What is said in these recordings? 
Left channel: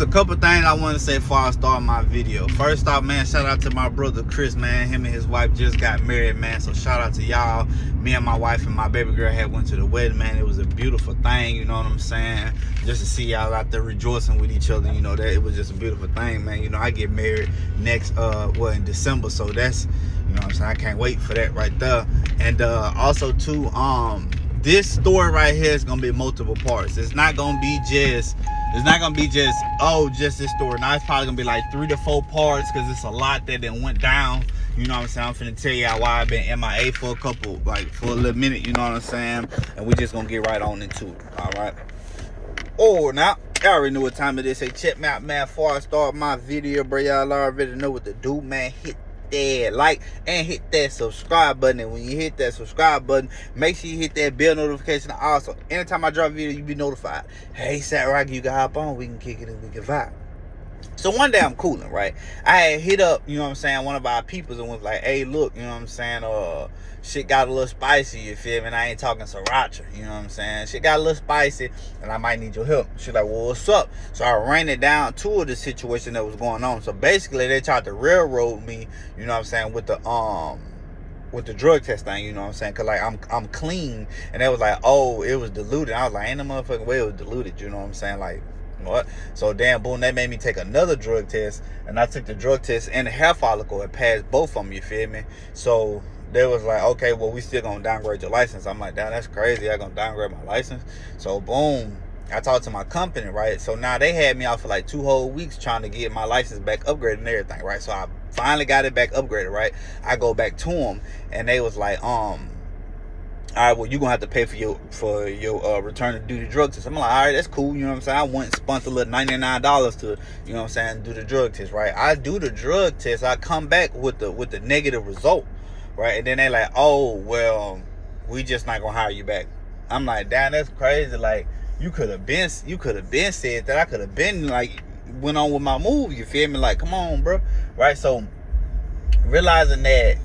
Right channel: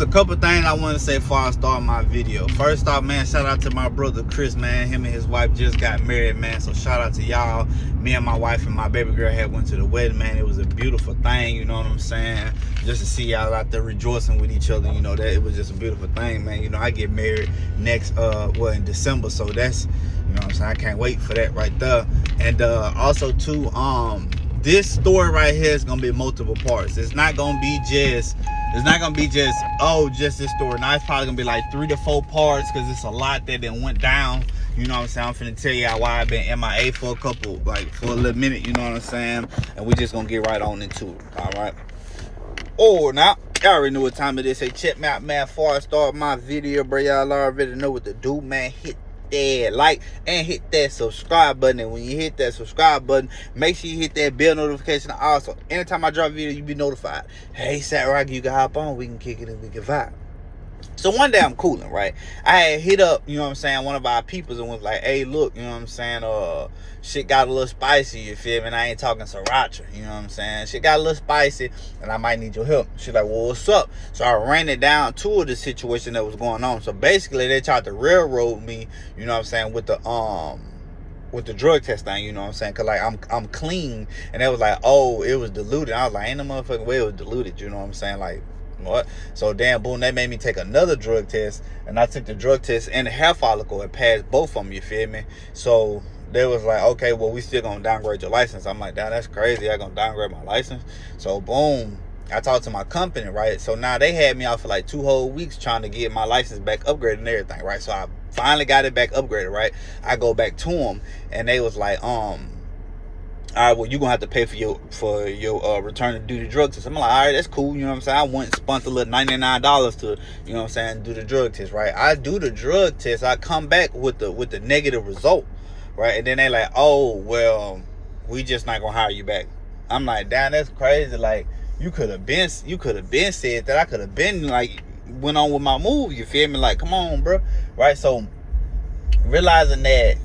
A couple things I want to say before I start my video. First off, man, shout out to my brother Chris, man. Him and his wife just got married, man. So shout out to y'all. Me and my wife and my baby girl had went to the wedding, man. It was a beautiful thing, you know what I'm saying? Just to see y'all out there rejoicing with each other, you know, that it was just a beautiful thing, man. You know, I get married next in December, so that's, you know what I'm saying, I can't wait for that right there. And also too, this story right here is gonna be multiple parts. It's not gonna be just this story. Now it's probably gonna be like 3 to 4 parts because it's a lot that then went down. You know what I'm saying? I'm finna tell y'all why I've been MIA for a little minute, you know what I'm saying? And we just gonna get right on into it. Alright. Oh, now y'all already know what time it is. Say check me out, man. Before I start my video, bro, y'all already know what to do, man. Hit that like and hit that subscribe button, and when you hit that subscribe button, make sure you hit that bell notification also. Anytime I drop a video, you be notified. Hey, Sat Rocky, you can hop on, we can kick it and we can vibe. So one day I'm cooling, right? I had hit up, you know what I'm saying, one of our peoples and was like, hey, look, you know what I'm saying, shit got a little spicy, you feel me? And I ain't talking sriracha, you know what I'm saying? Shit got a little spicy and I might need your help. She like, well, what's up? So I ran it down to the situation that was going on. So basically they tried to railroad me, you know what I'm saying, with the drug test thing, you know what I'm saying? Cause like I'm clean, and they was like, oh, it was diluted. I was like, ain't no motherfucking way it was diluted, you know what I'm saying? Like, what? So damn, boom, they made me take another drug test, and I took the drug test and the hair follicle and passed both of them, you feel me? So they was like, okay, well, we still gonna downgrade your license. I'm like, damn, that's crazy. I gonna downgrade my license. So boom, I talked to my company, right? So now they had me out for like 2 whole weeks trying to get my license back upgraded and everything, right? So I finally got it back upgraded, right? I go back to them, and they was like, all right, well, you're gonna have to pay for your return to duty drug test. I'm like, all right, that's cool, you know what I'm saying? I went and spent a little $99 to, you know what I'm saying, do the drug test, right? I do the drug test, I come back with the negative result, right? And then they like, oh, well, we just not gonna hire you back. I'm like, damn, that's crazy. Like, you could have been said that. I could have been like went on with my move, you feel me? Like, come on, bro, right? So realizing that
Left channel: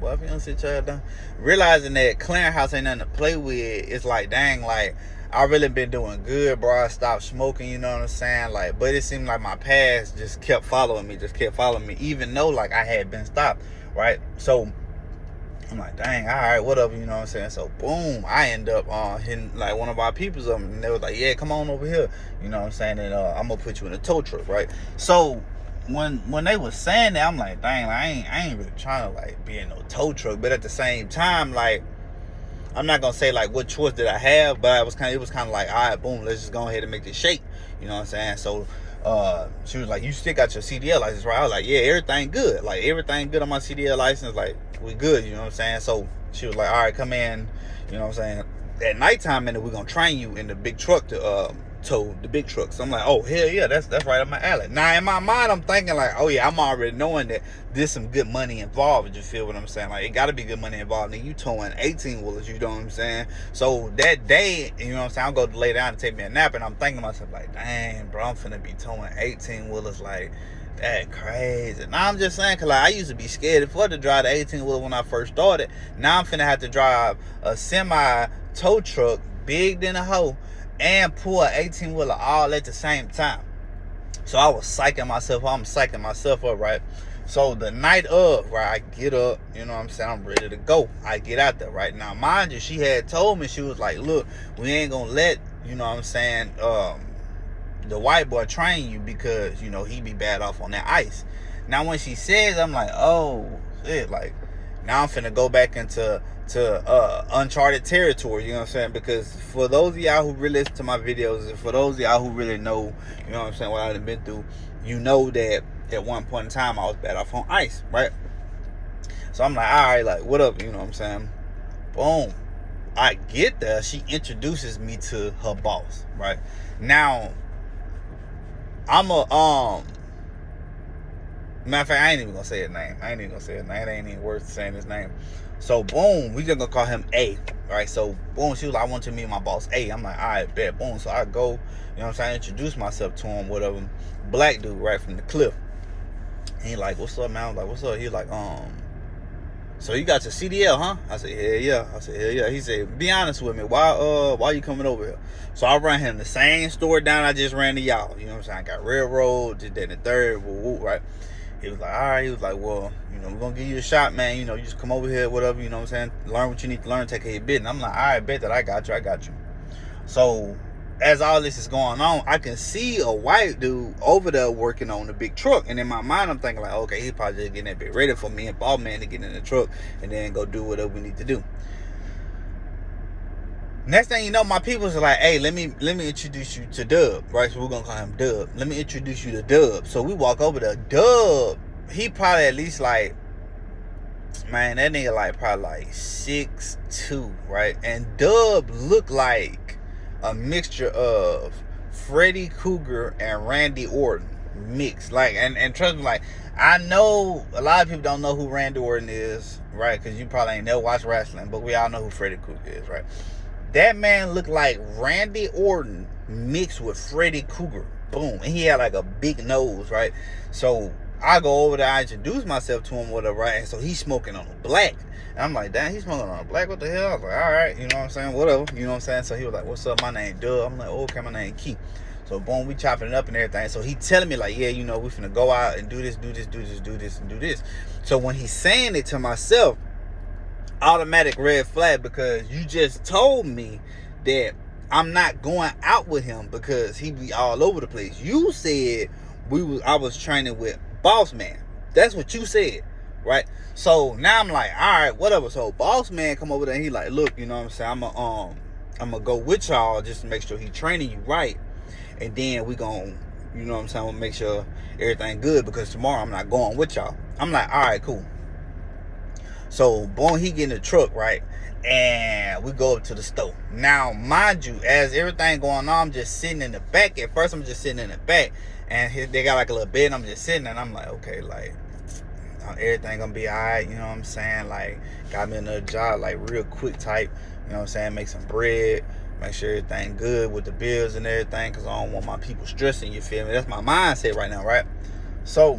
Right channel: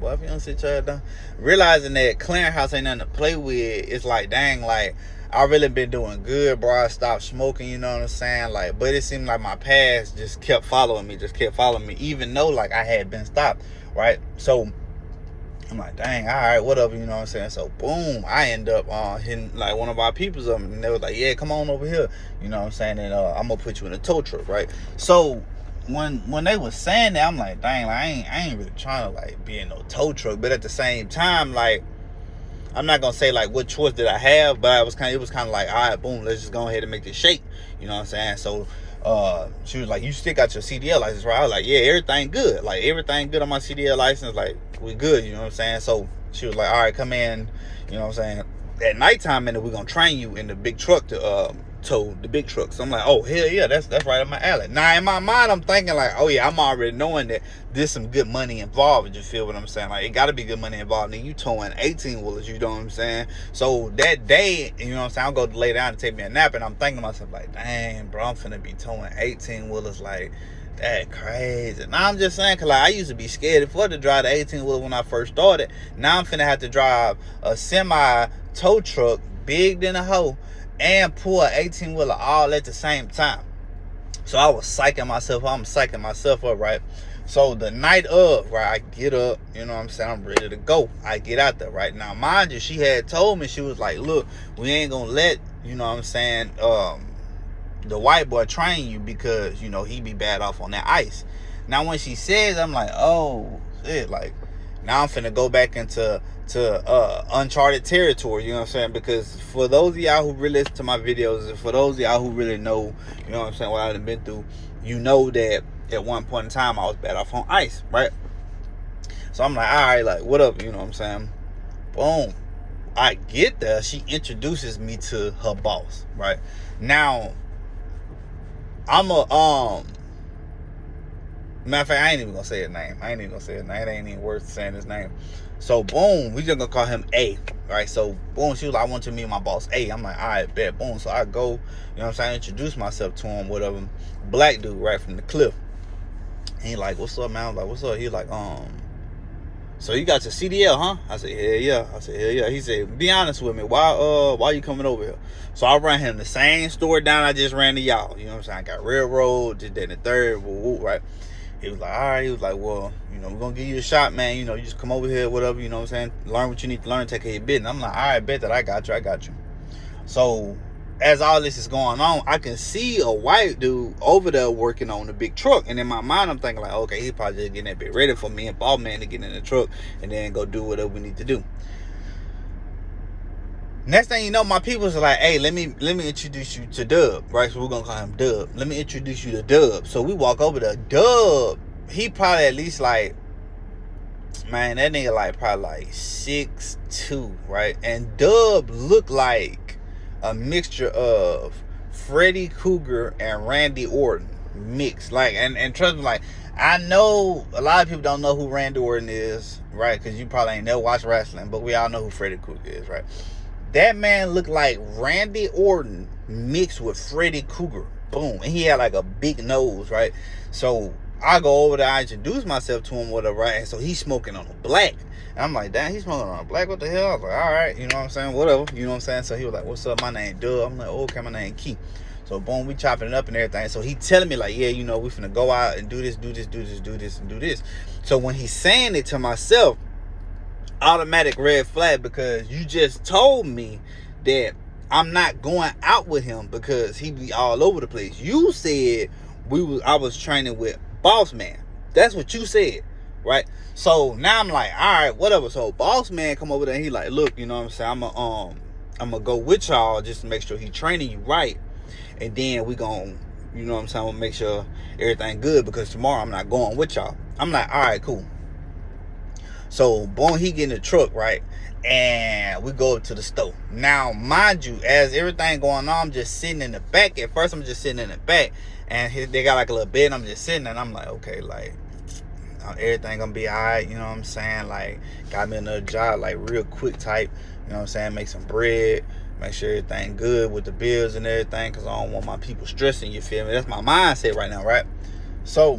well, if you don't sit your down, realizing that clearinghouse ain't nothing to play with, it's like, dang, like, I really been doing good, bro. I stopped smoking, you know what I'm saying? Like, but it seemed like my past just kept following me, even though, like, I had been stopped, right? So I'm like, dang, all right, whatever, you know what I'm saying? So boom, I end up hitting like one of our people's and they was like, yeah, come on over here, you know what I'm saying? And I'm gonna put you in a tow truck, right? So when they was saying that, I'm like, dang, like, I ain't really trying to like be in no tow truck, but at the same time, like, I'm not gonna say like what choice did I have, but it was kind of like, all right, boom, let's just go ahead and make this shake, you know what I'm saying? So she was like, you still got your CDL license, right? I was like, yeah, everything good, like everything good on my CDL license, like we good, you know what I'm saying? So she was like, all right, come in, you know what I'm saying, at nighttime, and then we're gonna train you in the big truck to tow the big truck. So I'm like, oh, hell yeah, that's right up my alley. Now in my mind, I'm thinking like, oh yeah, I'm already knowing that there's some good money involved. You feel what I'm saying? Like, it gotta be good money involved. And you towing 18 wheelers, you know what I'm saying? So that day, you know what I'm saying, I'm going to lay down and take me a nap, and I'm thinking to myself like, dang, bro, I'm finna be towing 18 wheelers, like, that crazy. Now I'm just saying, cause like I used to be scared for to drive the 18 wheeler when I first started. Now I'm finna have to drive a semi tow truck, big than a hoe, and pull an 18 wheeler all at the same time. So I was psyching myself up. I'm psyching myself up, right? So the night of, right, I get up, you know what I'm saying, I'm ready to go. I get out there, right? Now, mind you, she had told me, she was like, look, we ain't gonna let, you know what I'm saying, the white boy train you because, you know, he be bad off on that ice. Now, when she says, I'm like, oh, shit, like, now I'm finna go back into uncharted territory, you know what I'm saying? Because for those of y'all who really listen to my videos, and for those of y'all who really know, you know what I'm saying, what I've been through, you know that at one point in time I was bad off on ice, right? So I'm like, all right, like, what up, you know what I'm saying? Boom. I get there, she introduces me to her boss, right? Now, I'm a matter of fact, I ain't even gonna say his name. It ain't even worth saying his name. So boom, we just gonna call him A. Right? So boom, she was like, I want you to meet my boss A. I'm like, all right, bet. Boom. So I go, you know what I'm saying, I introduce myself to him, whatever. Black dude right from the cliff. And he like, what's up, man? I was like, what's up? He like, So you got your CDL, huh? I said, hell yeah. I said, hell yeah. He said, be honest with me. Why you coming over here? So I ran him the same store down I just ran to y'all. You know what I'm saying? I got railroad, just that and the third, right? He was like, all right. He was like, well, we're going to give you a shot, man. You just come over here, whatever, you know what I'm saying? Learn what you need to learn, take care of your business. I'm like, all right, bet that I got you. So as all this is going on, I can see a white dude over there working on the big truck. And in my mind, I'm thinking like, okay, he's probably just getting that bit ready for me and Ball Man to get in the truck and then go do whatever we need to do. Next thing you know, my people's are like, hey, let me introduce you to Dub, right? So we're going to call him Dub. Let me introduce you to Dub. So we walk over to Dub. He probably at least like, man, that nigga like probably like 6'2", right? And Dub looked like a mixture of Freddy Krueger and Randy Orton mixed. Like, and trust me, like, I know a lot of people don't know who Randy Orton is, right? Because you probably ain't never watched wrestling, but we all know who Freddy Krueger is, right? That man looked like Randy Orton mixed with Freddy Krueger. Boom. And he had like a big nose, right? So I go over there, I introduce myself to him, whatever, right? And so he's smoking on a black. And I'm like, damn, he's smoking on a black? What the hell? I was like, all right, you know what I'm saying? Whatever, you know what I'm saying? So he was like, what's up? My name Doug. I'm like, okay, my name Keith. So boom, we chopping it up and everything. So he telling me like, yeah, we finna go out and do this. So when he's saying it to myself, automatic red flag, because you just told me that I'm not going out with him because he be all over the place. You said I was training with Boss Man. That's what you said, right? So now I'm like, all right, whatever. So Boss Man come over there and he like, look, you know what I'm saying? I'm gonna go with y'all just to make sure he training you right, and then we gonna, you know what I'm saying, we'll make sure everything good, because tomorrow I'm not going with y'all. I'm like, all right, cool. So, boom, he get in the truck, right? And we go up to the store. Now, mind you, as everything going on, I'm just sitting in the back. At first, I'm just sitting in the back. And they got like a little bed, and I'm just sitting there. And I'm like, okay, like, everything gonna be all right. You know what I'm saying? Like, got me another job, like, real quick type. You know what I'm saying? Make some bread. Make sure everything good with the bills and everything. Because I don't want my people stressing, you feel me? That's my mindset right now, right? So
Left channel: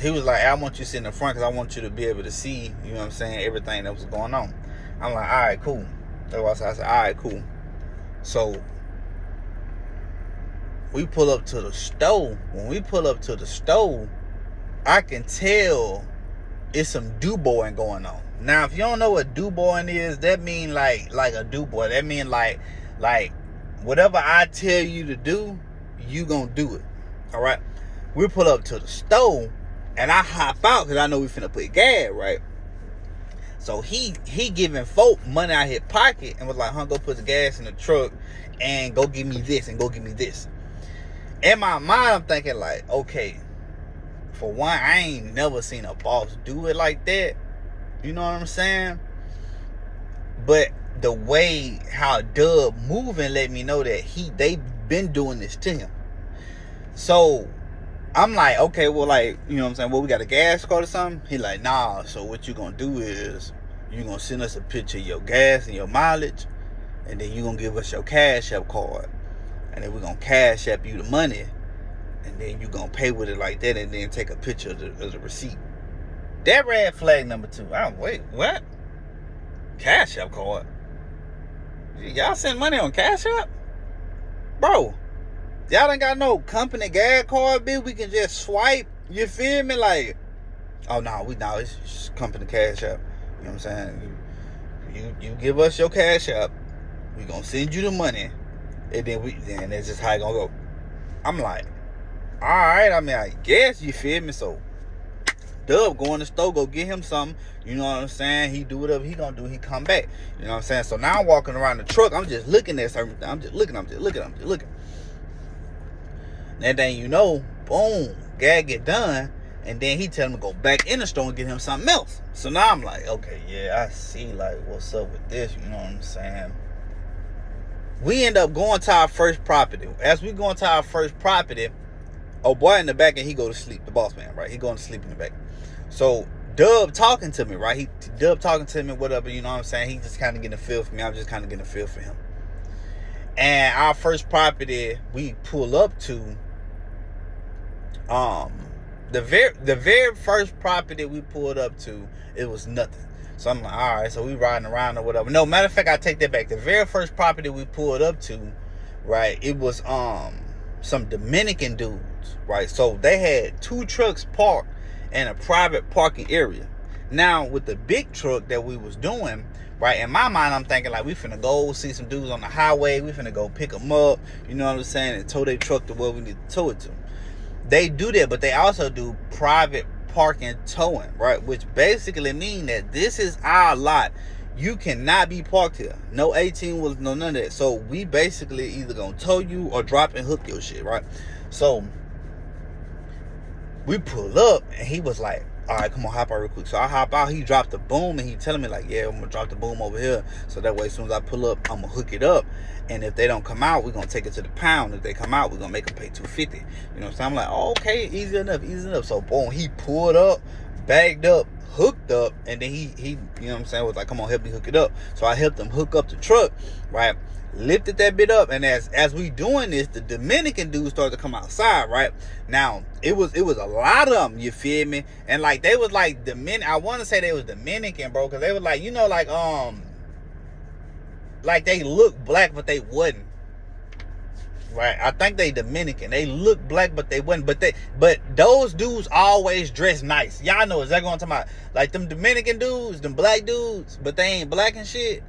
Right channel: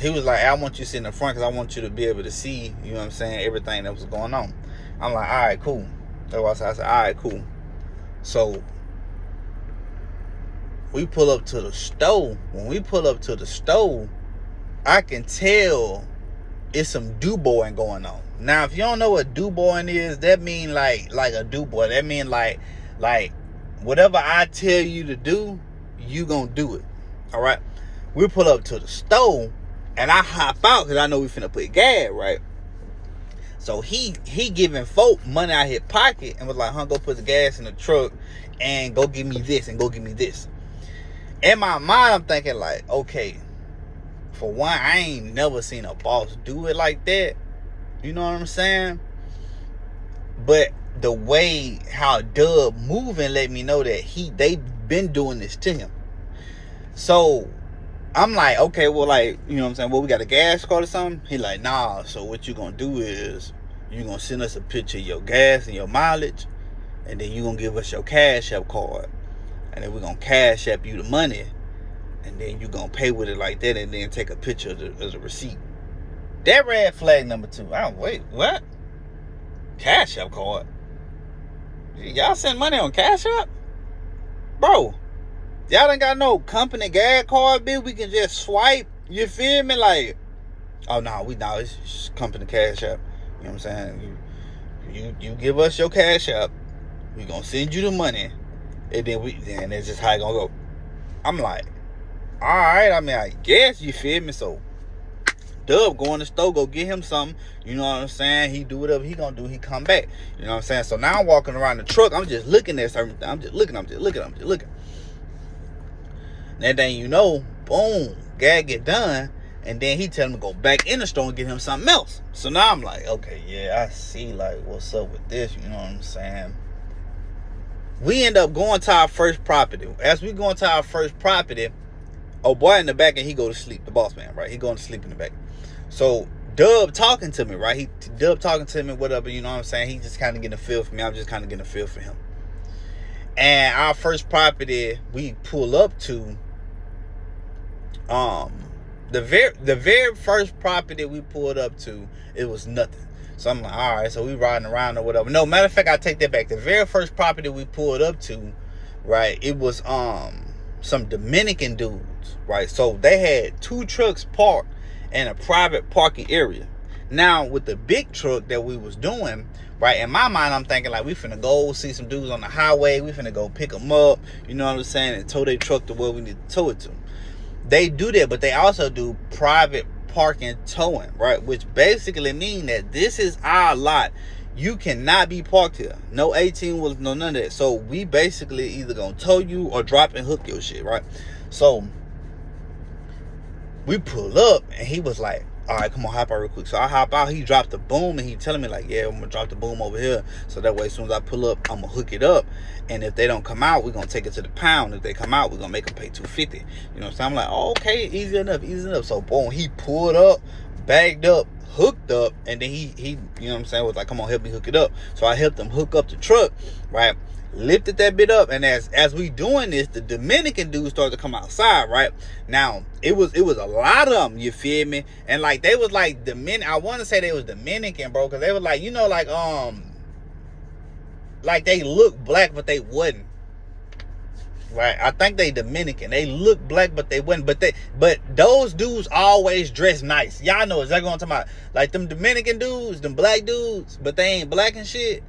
he was like, I want you to sit in the front because I want you to be able to see, you know what I'm saying, everything that was going on. I'm like, all right, cool. That's why I said, all right, cool. So we pull up to the store. When we pull up to the store, I can tell it's some do-boying going on. Now, if you don't know what do-boying is, that mean like a do-boy. That mean like whatever I tell you to do, you gonna do it. All right? We pull up to the store, and I hop out because I know we finna put gas, right? So he giving folk money out his pocket and was like, go put the gas in the truck and go give me this and go give me this. In my mind, I'm thinking like, okay, for one, I ain't never seen a boss do it like that. You know what I'm saying? But the way how Dub moving let me know that they been doing this to him. So I'm like, okay, well, like, you know what I'm saying? Well, we got a gas card or something? He like, nah, so what you gonna do is you gonna send us a picture of your gas and your mileage, and then you gonna give us your Cash App card, and then we gonna Cash App you the money, and then you gonna pay with it like that, and then take a picture of the receipt. That red flag number 2. Wait, what? Cash App card? Y'all send money on Cash App? Bro, y'all ain't got no company gas card, bitch. We can just swipe. You feel me? Like, oh no, it's just company Cash App. You know what I'm saying? You give us your Cash App, we gonna send you the money, and then that's just how it gonna go. I'm like, all right. I mean, I guess, you feel me? So Dub go in the store, go get him something. You know what I'm saying? He do whatever he gonna do. He come back. You know what I'm saying? So now I'm walking around the truck. I'm just looking at certain things. I'm just looking. That thing, you know, boom, gag get done, and then he tell him to go back in the store and get him something else. So now I'm like, okay, yeah, I see, like, what's up with this, you know what I'm saying? We end up going to our first property. As we go into our first property, oh boy in the back, and he go to sleep, the boss man, right? He going to sleep in the back. So Dub talking to me, right? Dub talking to me, whatever, you know what I'm saying? He just kind of getting a feel for me. I'm just kind of getting a feel for him. And our first property we pull up to, The very first property we pulled up to, it was nothing. So I'm like, all right, so we riding around or whatever. No, matter of fact, I take that back. The very first property we pulled up to, right, it was some Dominican dudes, right? So they had 2 trucks parked in a private parking area. Now, with the big truck that we was doing, right, in my mind, I'm thinking like, we finna go see some dudes on the highway. We finna go pick them up, you know what I'm saying, and tow their truck to where we need to tow it to. They do that, but they also do private parking towing, right? Which basically mean that this is our lot. You cannot be parked here. No 18 wheelers, no none of that. So we basically either gonna tow you or drop and hook your shit, right? So we pull up and he was like, all right, come on, hop out real quick. So I hop out, he dropped the boom, and he telling me like, yeah, I'm gonna drop the boom over here. So that way, as soon as I pull up, I'm gonna hook it up. And if they don't come out, we're gonna take it to the pound. If they come out, we're gonna make them pay $250. You know what I'm saying? I'm like, oh, okay, easy enough. So boom, he pulled up, bagged up, hooked up, and then he you know what I'm saying, was like, come on, help me hook it up. So I helped him hook up the truck, right? Lifted that bit up, and as we doing this, the Dominican dudes started to come outside, right? Now it was a lot of them, you feel me? And like they was like I want to say they was Dominican, bro, because they was like, you know, like they look black but they wasn't, right? I think they Dominican. They look black but they wasn't. But those dudes always dress nice. Y'all know exactly what I'm talking about. Like them Dominican dudes, them black dudes, but they ain't black and shit.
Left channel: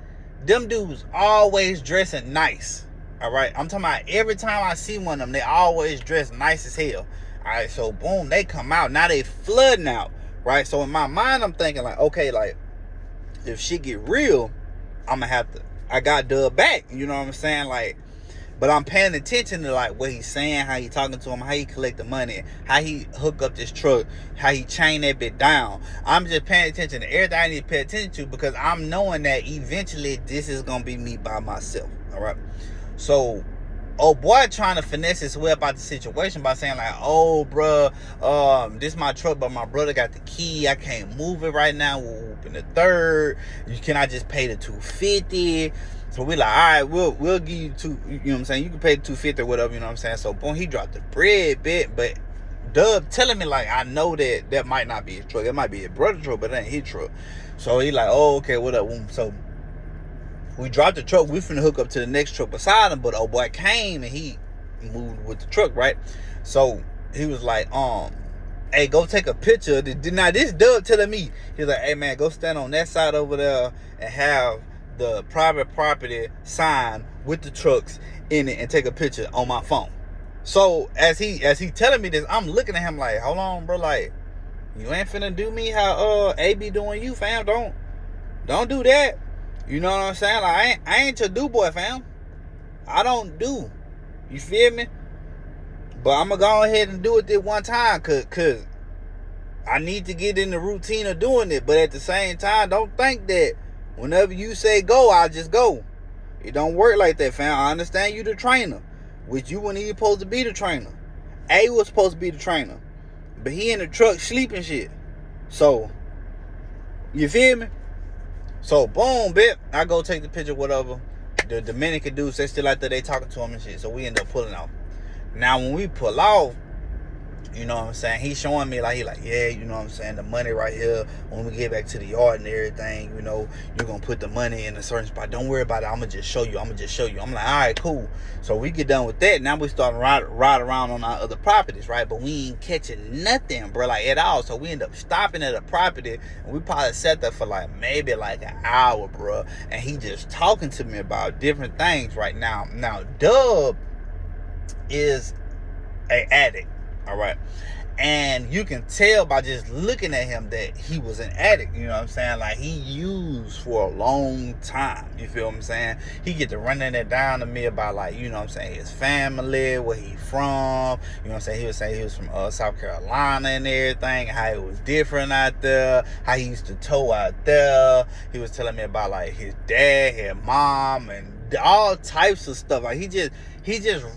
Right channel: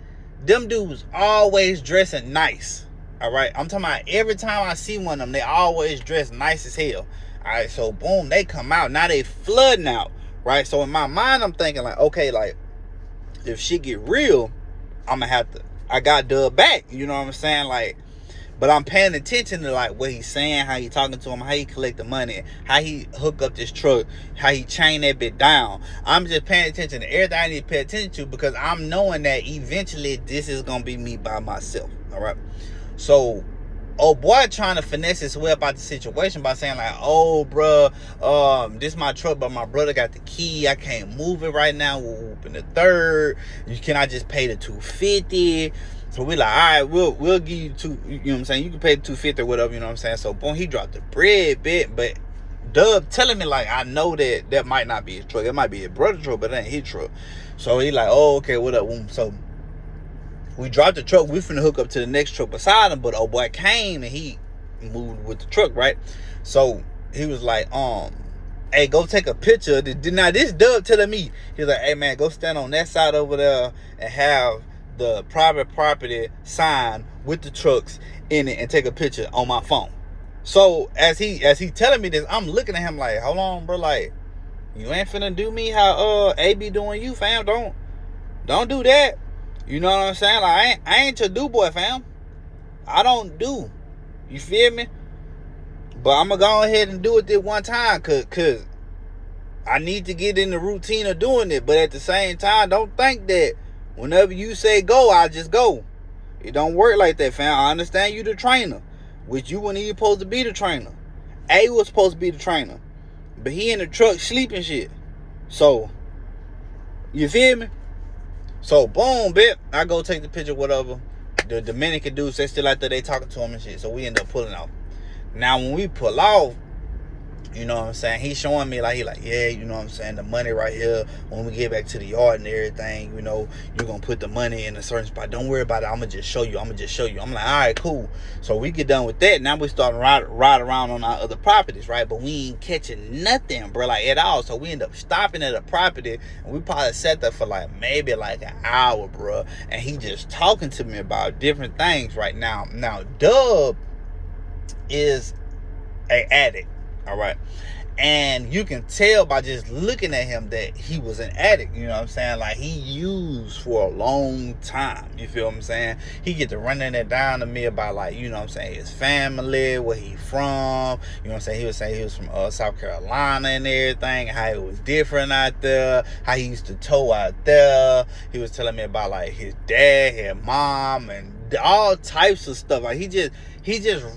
Them dudes always dressing nice. All right, I'm talking about every time I see one of them, they always dress nice as hell. All right, so boom, they come out. Now they flooding out, right? So in my mind, I'm thinking like, okay, like if shit get real, I got Dub back. You know what I'm saying? Like, but I'm paying attention to like what he's saying, how he talking to him, how he collect the money, how he hook up this truck, how he chain that bit down. I'm just paying attention to everything I need to pay attention to, because I'm knowing that eventually this is gonna be me by myself. All right. So, oh boy, trying to finesse his way about the situation by saying like, oh bruh, this my truck, but my brother got the key. I can't move it right now. We're whooping the third. Can I just pay the $250? So we like, all right, we'll give you you know what I'm saying? You can pay the $250 or whatever, you know what I'm saying? So boom, he dropped the bread bit, but Dub telling me like, I know that might not be his truck. It might be his brother's truck, but it ain't his truck. So he like, oh, okay, what up? So we dropped the truck. We finna hook up to the next truck beside him, but oh boy came and he moved with the truck, right? So he was like, hey, go take a picture. Now this Dub telling me, he's like, hey man, go stand on that side over there and have the private property sign with the trucks in it and take a picture on my phone. So as he telling me this, I'm looking at him like, hold on, bro, like you ain't finna do me how AB doing you, fam. Don't do that. You know what I'm saying? Like I ain't your do boy, fam. I don't do. You feel me? But I'm gonna go ahead and do it this one time, cause I need to get in the routine of doing it. But at the same time, don't think that whenever you say go, I'll just go. It don't work like that, fam. I understand you the trainer, which you weren't even supposed to be the trainer. A was supposed to be the trainer, but he in the truck sleeping shit. So, you feel me? So, boom, bit. I go take the picture, whatever. The Dominican dudes, they still out there, they talking to him and shit. So, we end up pulling off. Now, when we pull off, you know what I'm saying, he's showing me like, he like, yeah, you know what I'm saying, the money right here, when we get back to the yard and everything, you know, you're gonna put the money in a certain spot. Don't worry about it. I'm gonna just show you. I'm like, all right, cool. So we get done with that. Now we start to ride around on our other properties, right? But we ain't catching nothing, bro, like at all. So we end up stopping at a property, and we probably sat there for like maybe like an hour, bro. And he just talking to me about different things right now. Now, Dub is an addict. All right. And you can tell by just looking at him that he was an addict. You know what I'm saying? Like, he used for a long time. You feel what I'm saying? He get to running it down to me about, like, you know what I'm saying, his family, where he from. You know what I'm saying? He was saying he was from South Carolina and everything, how it was different out there, how he used to tow out there. He was telling me about, like, his dad, his mom, and all types of stuff. Like, he just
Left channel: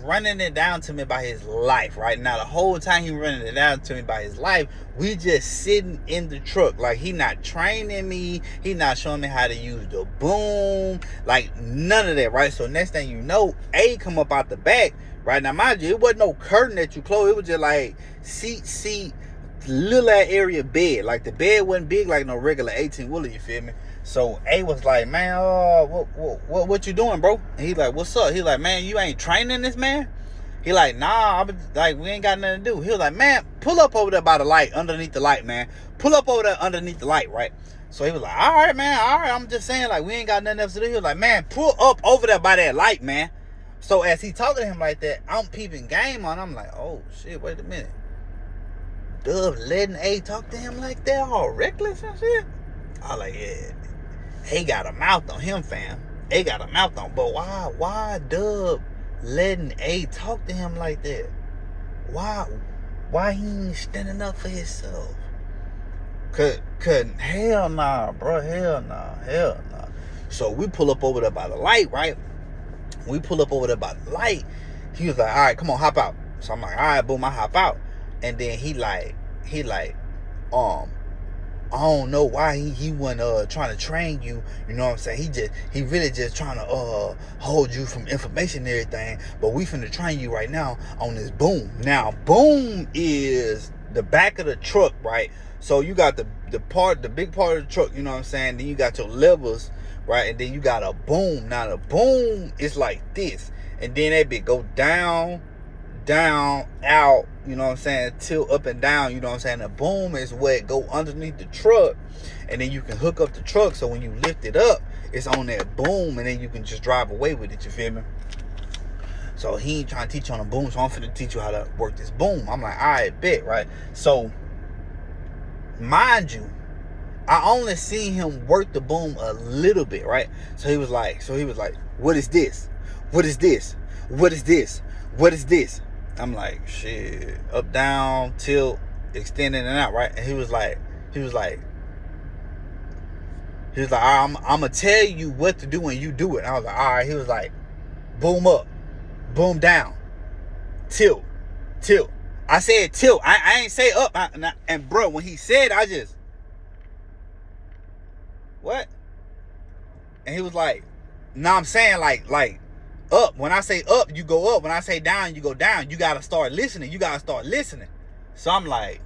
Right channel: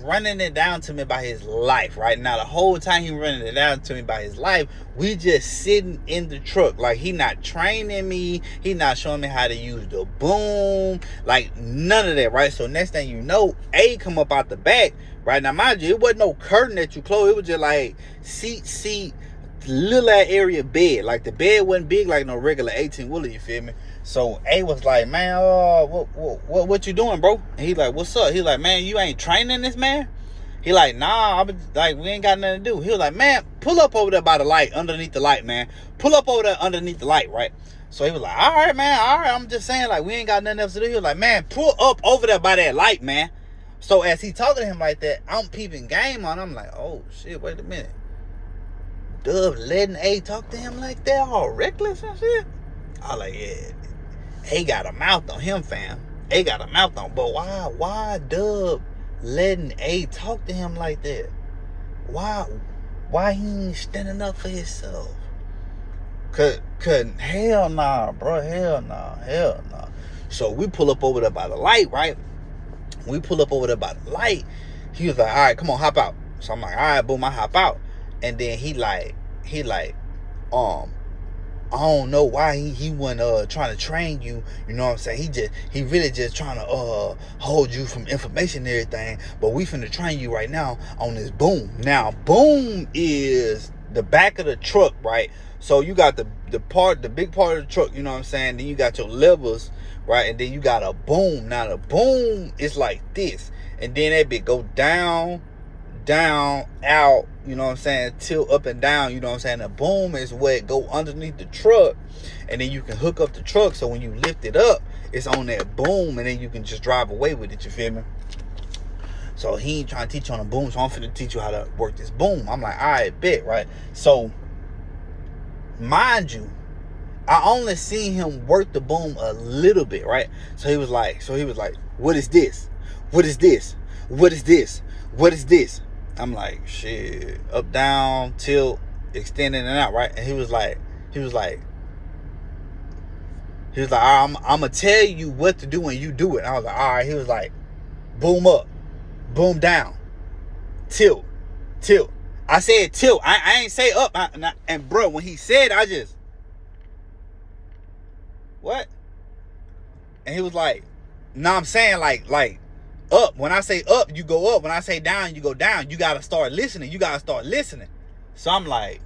running it down to me about his life. Right now, the whole time he running it down to me about his life, we just sitting in the truck. Like, he not training me, he not showing me how to use the boom, like none of that, right? So next thing you know, A come up out the back. Right now, mind you, it wasn't no curtain that you closed. It was just like seat, little area bed. Like the bed wasn't big like no regular 18-wheeler, you feel me? So A was like, man, what you doing, bro? And he like, what's up? He like, man, you ain't training this man? He like, nah, like, we ain't got nothing to do. He was like, man, pull up over there by the light, underneath the light, man. Pull up over there underneath the light, right? So he was like, all right, man, all right. I'm just saying, like, we ain't got nothing else to do. He was like, man, pull up over there by that light, man. So as he talking to him like that, I'm peeping game on. I'm like, oh, shit, wait a minute. Dub letting A talk to him like that, all reckless and shit? I was like, yeah, A got a mouth on him, fam. A got a mouth on. But why Dub letting A talk to him like that? Why he ain't standing up for himself? Cause hell nah, bro, hell nah. So we pull up over there by the light, right? We pull up over there by the light. He was like, all right, come on, hop out. So I'm like, all right, boom, I hop out. And then he like, I don't know why he wasn't trying to train you, you know what I'm saying? He really just trying to hold you from information and everything. But we finna train you right now on this boom. Now, boom is the back of the truck, right? So you got the big part of the truck, you know what I'm saying? Then you got your levers, right? And then you got a boom. Now the boom is like this. And then that bit go down, out, you know what I'm saying, tilt up and down, you know what I'm saying. The boom is what go underneath the truck, and then you can hook up the truck, so when you lift it up, it's on that boom, and then you can just drive away with it, you feel me? So he ain't trying to teach you on a boom, so I'm finna teach you how to work this boom. I'm like, all right, bet, right? So mind you, I only seen him work the boom a little bit, right? So he was like, what is this? What is this? What is this? What is this? I'm like, shit, up, down, tilt, extending and out, right? And he was like, I'm gonna tell you what to do when you do it. And I was like, all right. He was like, boom up, boom down, tilt. I said tilt. I ain't say up. And bro, when he said, I just, what? And he was like, no, I'm saying like up. When I say up, you go up. When I say down, you go down. You gotta start listening. So I'm like,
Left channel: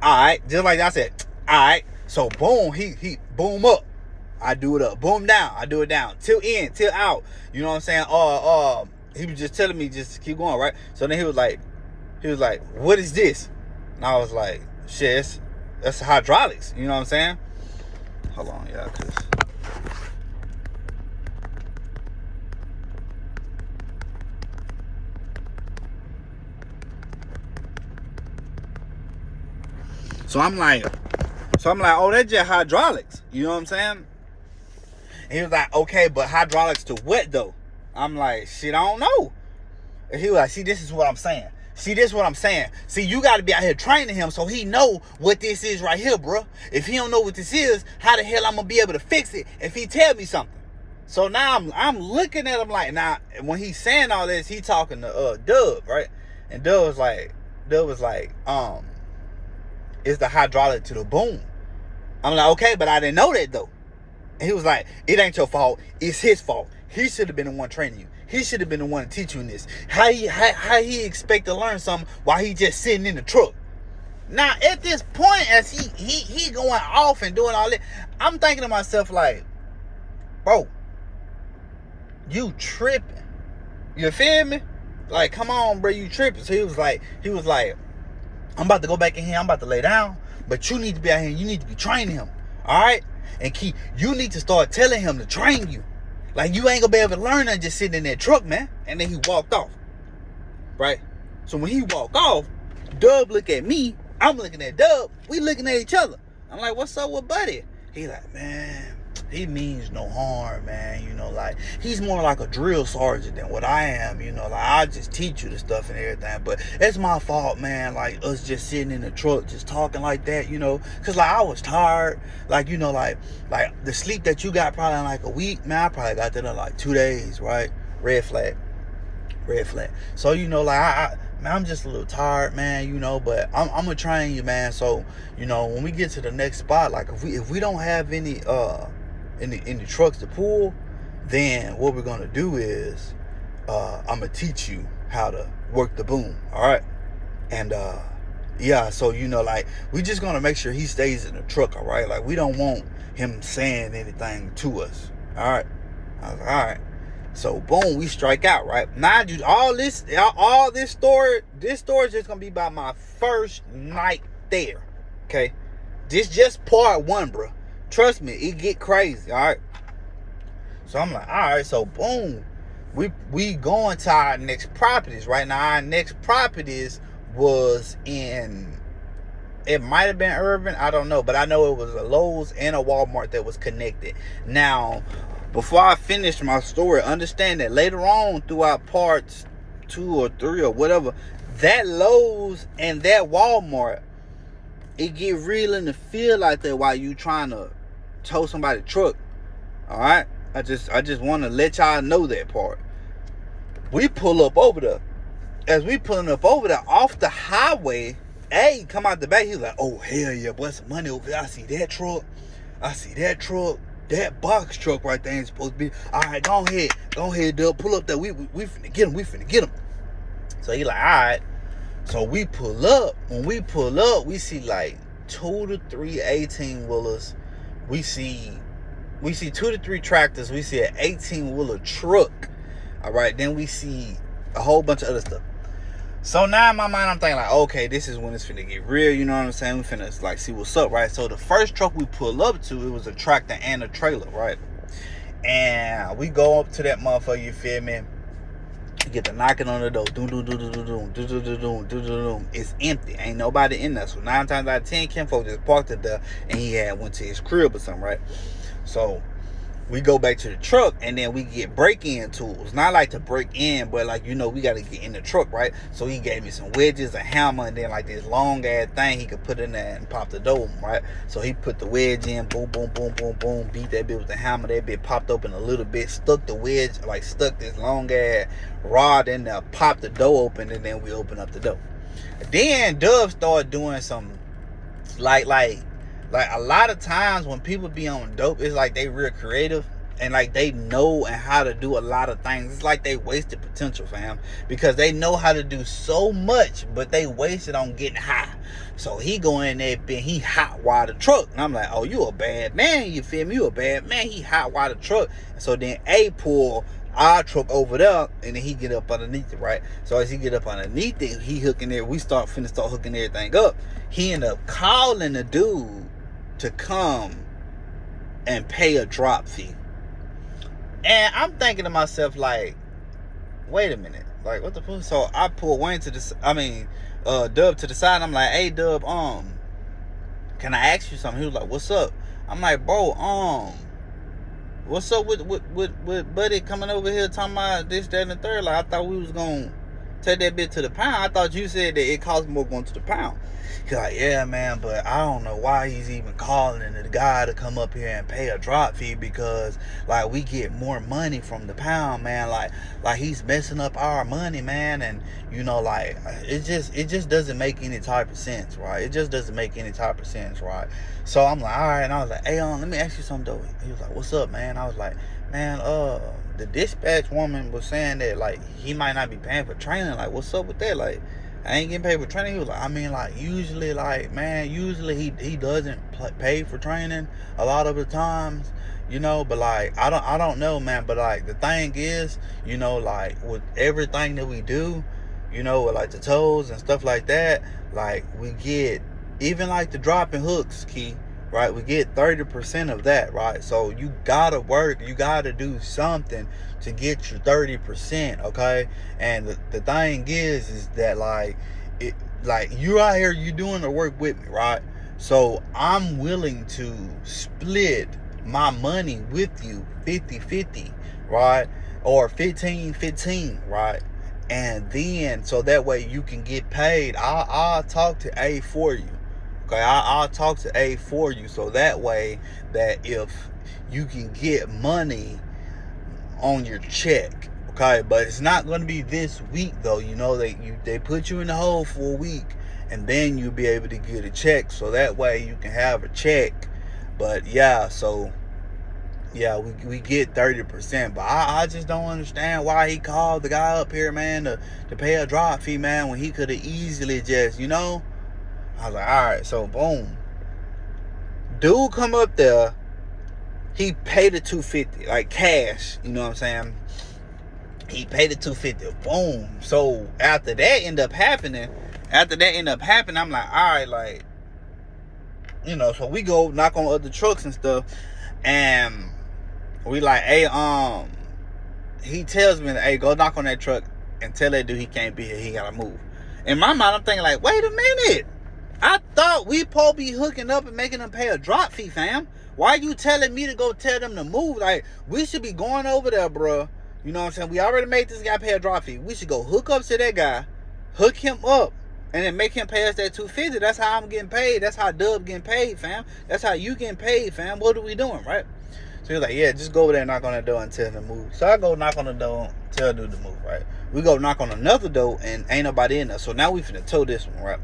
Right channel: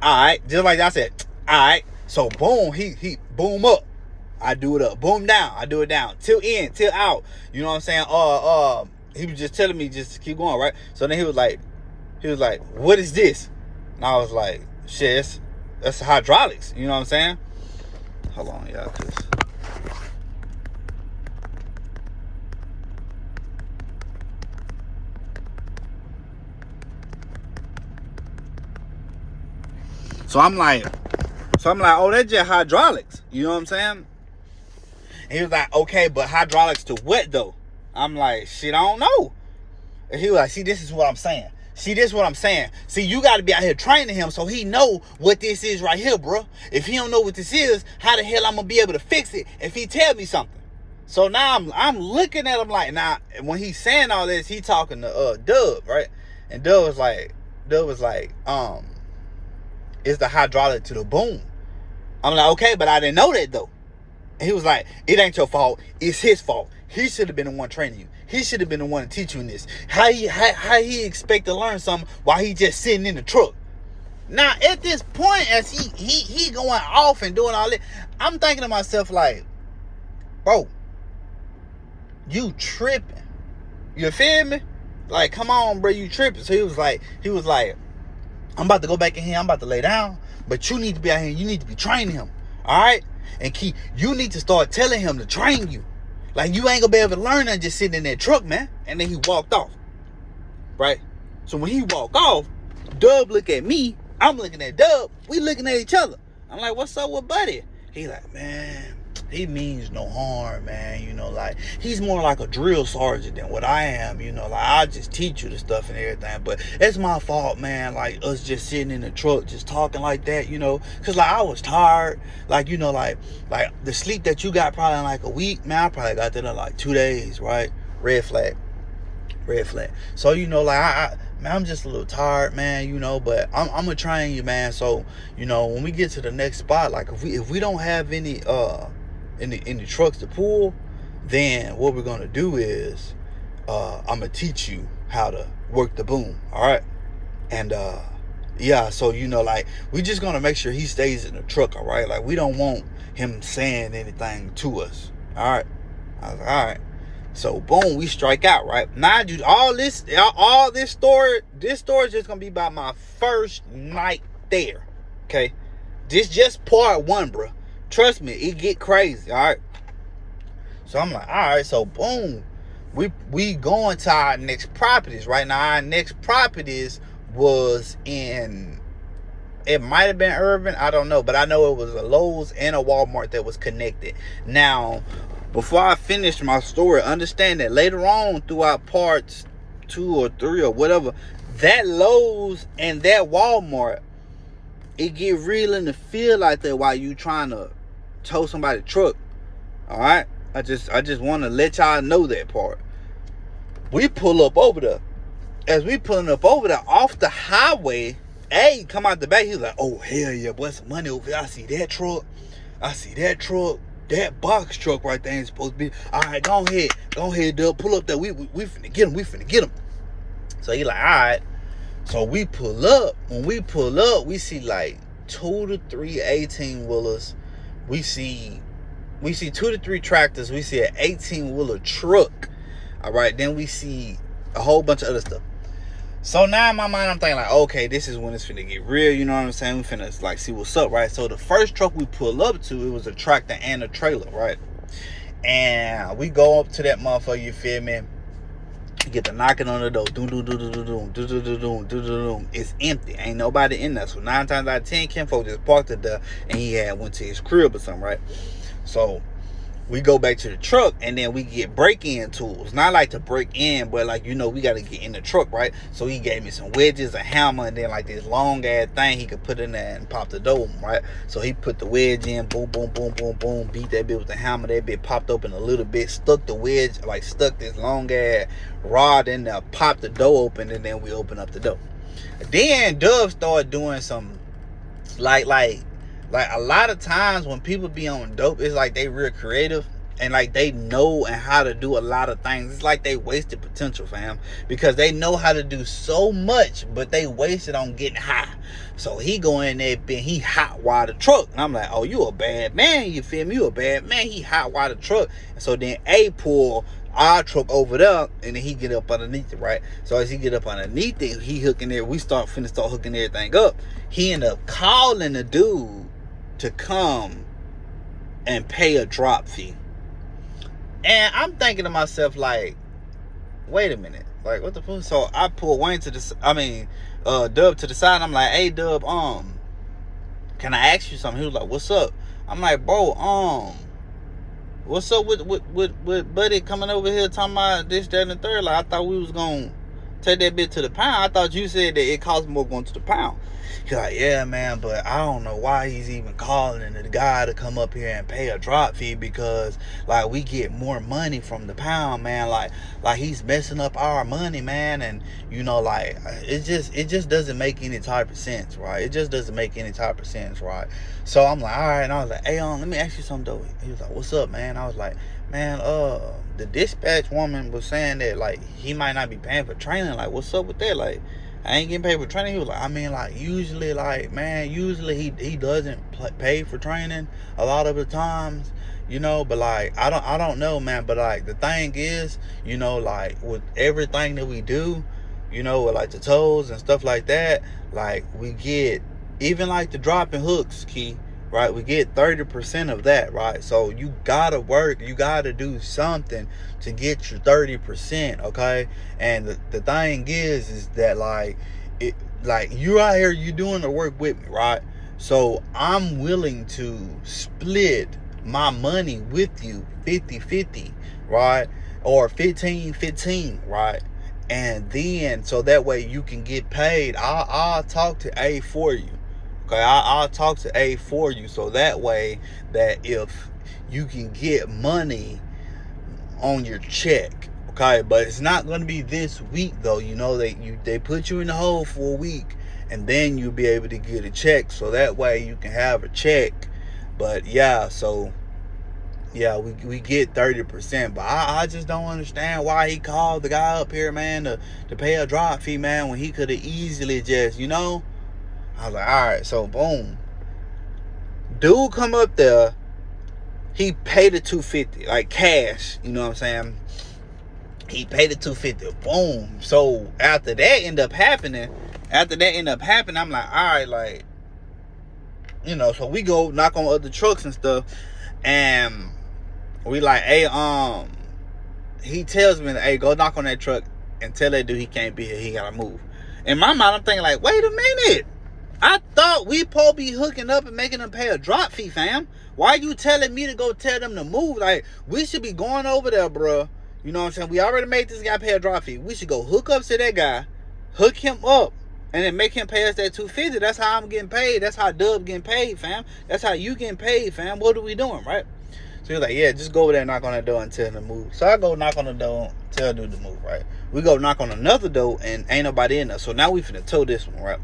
all right. Just like I said, all right. So boom, he boom up. I do it up. Boom down. I do it down. Till in, till out. You know what I'm saying? He was just telling me just to keep going, right? So then he was like, what is this? And I was like, shit, that's hydraulics. You know what I'm saying? Hold on, y'all, cause So I'm like, oh, that's just hydraulics. You know what I'm saying? And he was like, okay, but hydraulics to what though? I'm like, shit, I don't know. And he was like, see, this is what I'm saying. See, you got to be out here training him so he know what this is right here, bro. If he don't know what this is, how the hell I'm going to be able to fix it if he tell me something? So now I'm looking at him like, now, when he's saying all this, he talking to Dub, right? And Dub was like, it's the hydraulic to the boom. I'm like, okay, but I didn't know that though. And he was like, it ain't your fault. It's his fault. He should have been the one training you. He should have been the one to teach you this. How he expect to learn something while he just sitting in the truck? Now, at this point, as he going off and doing all that, I'm thinking to myself like, bro, you tripping. You feel me? Like, come on, bro, you tripping. So he was like, I'm about to go back in here. I'm about to lay down. But you need to be out here. You need to be training him. All right? And you need to start telling him to train you. Like, you ain't going to be able to learn that just sitting in that truck, man. And then he walked off. Right? So when he walked off, Dub look at me. I'm looking at Dub. We looking at each other. I'm like, what's up with Buddy? He like, man, he means no harm, man. You know, like, he's more like a drill sergeant than what I am. You know, like, I just teach you the stuff and everything. But it's my fault, man. Like, us just sitting in the truck, just talking like that, you know. Because, like, I was tired. Like, you know, like the sleep that you got probably in like a week, man, I probably got that in like 2 days, right? Red flag. So, you know, like, man, I'm just a little tired, man, you know, but I'm gonna train you, man. So, you know, when we get to the next spot, like, if we don't have any trucks to pull, then what we're gonna do is I'm gonna teach you how to work the boom. All right. And Yeah, so like we just gonna make sure he stays in the truck, all right? Like we don't want him saying anything to us. All right. I was like, all right. So boom, we strike out, right? Now, dude, all this story is just gonna be about my first night there. Okay. This just part one, bro. Trust me, it get crazy, all right? So I'm like, all right, so boom. We going to our next properties, right? Now our next properties was in, it might have been urban, I don't know, but I know it was a Lowe's and a Walmart that was connected. Now, before I finish my story, understand that later on throughout parts 2 or 3 or whatever, that Lowe's and that Walmart, it get real in the feel like that while you trying to tow somebody's truck. All right, I just want to let y'all know that part. We pull up over there. As we pulling up over there off the highway, hey, come out the back. He's like, oh, hell yeah, boy, some money over there. I see that truck. That box truck right there ain't supposed to be. All right, go ahead, Dub. Pull up there. We finna get him. So he like, all right. So we pull up. When we pull up, we see like 2 to 3 18-wheelers. We see 2 to 3 tractors. We see an 18-wheeler truck. All right, then we see a whole bunch of other stuff. So now in my mind, I'm thinking like, okay, this is when it's finna get real. You know what I'm saying? We finna like see what's up, right? So the first truck we pull up to, it was a tractor and a trailer, right? And we go up to that motherfucker, you feel me? Get the knocking on the door. It's empty. Ain't nobody in there. So 9 times out of 10, Ken folk just parked it there and he went to his crib or something, right? So we go back to the truck and then we get break-in tools. Not like to break in, but like, we got to get in the truck, right? So he gave me some wedges, a hammer, and then like this long ass thing he could put in there and pop the door, right? So he put the wedge in, boom, boom, boom, boom, boom, beat that bit with the hammer. That bit popped open a little bit, stuck the wedge, like stuck this long ass rod in there, popped the door open, and then we open up the door. Then Dub started doing some like a lot of times when people be on dope, it's like they real creative and like they know and how to do a lot of things. It's like they wasted potential, fam, because they know how to do so much, but they wasted on getting high. So he go in there and he hot wire the truck, and I'm like, oh, you a bad man, you feel me? You a bad man. He hot wire the truck, and so then A pull our truck over there, and then he get up underneath it, right? So as he get up underneath it, he hooking there. We start hooking everything up. He end up calling the dude to come and pay a drop fee. And I'm thinking to myself, like, wait a minute, like, what the fuck? So I pull Dub to the side. I'm like, hey, Dub, can I ask you something? He was like, what's up? I'm like, bro, what's up with Buddy coming over here talking about this, that, and the third? Like, I thought we was gonna take that bit to the pound. I thought you said that it cost more going to the pound. He's like, yeah, man, but I don't know why he's even calling the guy to come up here and pay a drop fee, because like we get more money from the pound, man. Like he's messing up our money, man. And like it just doesn't make any type of sense, right? It just doesn't make any type of sense, right? So I'm like, all right. And I was like, hey, let me ask you something though. He was like, what's up, man? I was like, man, the dispatch woman was saying that like he might not be paying for training. Like, what's up with that? Like, I ain't getting paid for training. He was like, I mean, like, usually he doesn't pay for training a lot of the times, but like I don't know, man. But like the thing is, like with everything that we do, with like the toes and stuff like that, like we get, even like the dropping hooks, Key, right? We get 30% of that, right? So you gotta work, you gotta do something to get your 30%, okay? And the thing is that like you out here, you doing the work with me, right? So I'm willing to split my money with you 50-50, right? Or 15-15, right? And then so that way you can get paid. I'll talk to A for you. Okay, I'll talk to A for you, so that way that if you can get money on your check, okay, but it's not going to be this week though. They put you in the hole for a week, and then you'll be able to get a check, so that way you can have a check. But yeah, so yeah, we get 30%, but I just don't understand why he called the guy up here, man, to pay a drop fee, man, when he could have easily just I was like, all right, so boom. Dude come up there, he paid the $250, like cash, you know what I'm saying? He paid the $250, boom. So after that ended up happening, I'm like, all right, like, you know, so we go knock on other trucks and stuff, and we like, hey, he tells me, hey, go knock on that truck and tell that dude he can't be here, he gotta move. In my mind, I'm thinking like, wait a minute. I thought we supposed to be hooking up and making them pay a drop fee, fam. Why you telling me to go tell them to move? Like, we should be going over there, bro. You know what I'm saying? We already made this guy pay a drop fee. We should go hook up to that guy, hook him up, and then make him pay us that $250. That's how I'm getting paid. That's how Dub getting paid, fam. That's how you getting paid, fam. What are we doing, right? So he was like, yeah, just go over there and knock on that door and tell him to move. So I go knock on the door, tell dude to move, right? We go knock on another door and ain't nobody in there. So now we finna tow this one, right?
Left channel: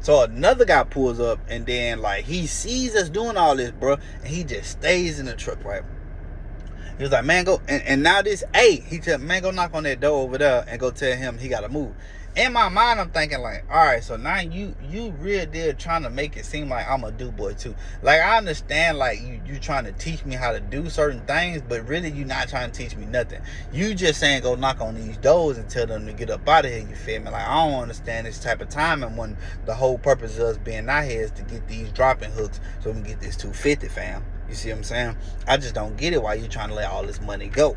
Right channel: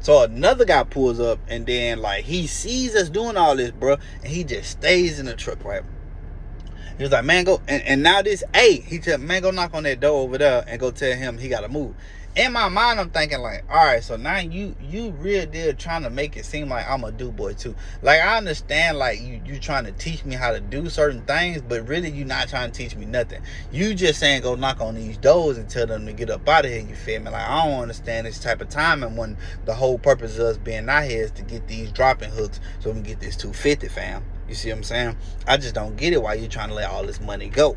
So another guy pulls up and then like he sees us doing all this, bro, and he just stays in the truck, right? He was like, man, go, and now this, hey, he said, man, go knock on that door over there and go tell him he gotta move. In my mind, I'm thinking like, all right, so now you real deal trying to make it seem like I'm a do boy too. Like, I understand like you trying to teach me how to do certain things, but really you not trying to teach me nothing. You just saying go knock on these doors and tell them to get up out of here, you feel me? Like, I don't understand this type of timing when the whole purpose of us being out here is to get these dropping hooks so we can get this $250, fam. You see what I'm saying? I just don't get it why you trying to let all this money go.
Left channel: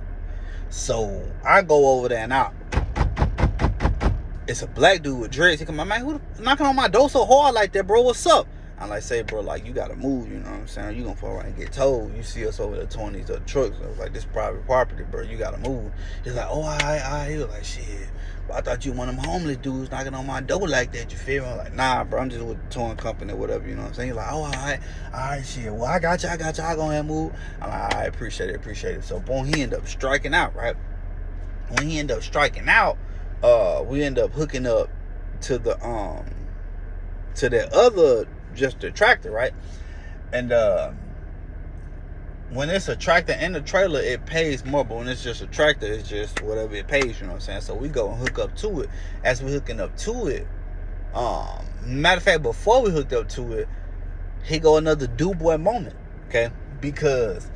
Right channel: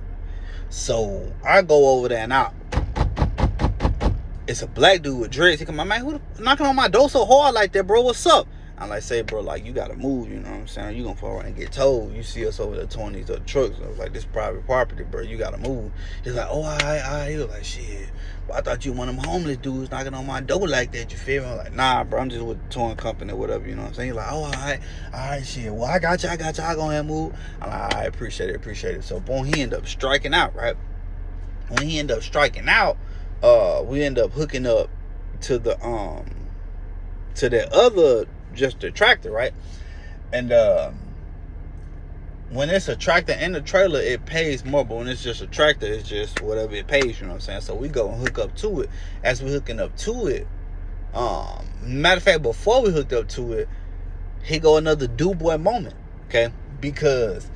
So I go over there now. It's a black dude with dreads. He come, man, who knocking on my door so hard like that, bro? What's up? I'm like, say, bro, like, you gotta move, you know what I'm saying? You gonna fall around and get told. You see us over there towing these other trucks. I was like, this private property, bro. You gotta move. He's like, oh, all right. He was like, shit. But I thought you one of them homeless dudes knocking on my door like that. You feel me? I'm like, nah, bro. I'm just with the towing company or whatever, you know what I'm saying? He's like, oh, all right, shit. Well, I got you. I go ahead and move. I'm like, all right, appreciate it. So, boom, he ended up striking out, right? When he ended up striking out, we end up hooking up to the to that other, just the tractor, right? And when it's a tractor and a trailer, it pays more, but when it's just a tractor, it's just whatever it pays, you know what I'm saying? So we go and hook up to it. As we hooking up to it, matter of fact, before we hooked up to it, he go another do boy moment, okay? Because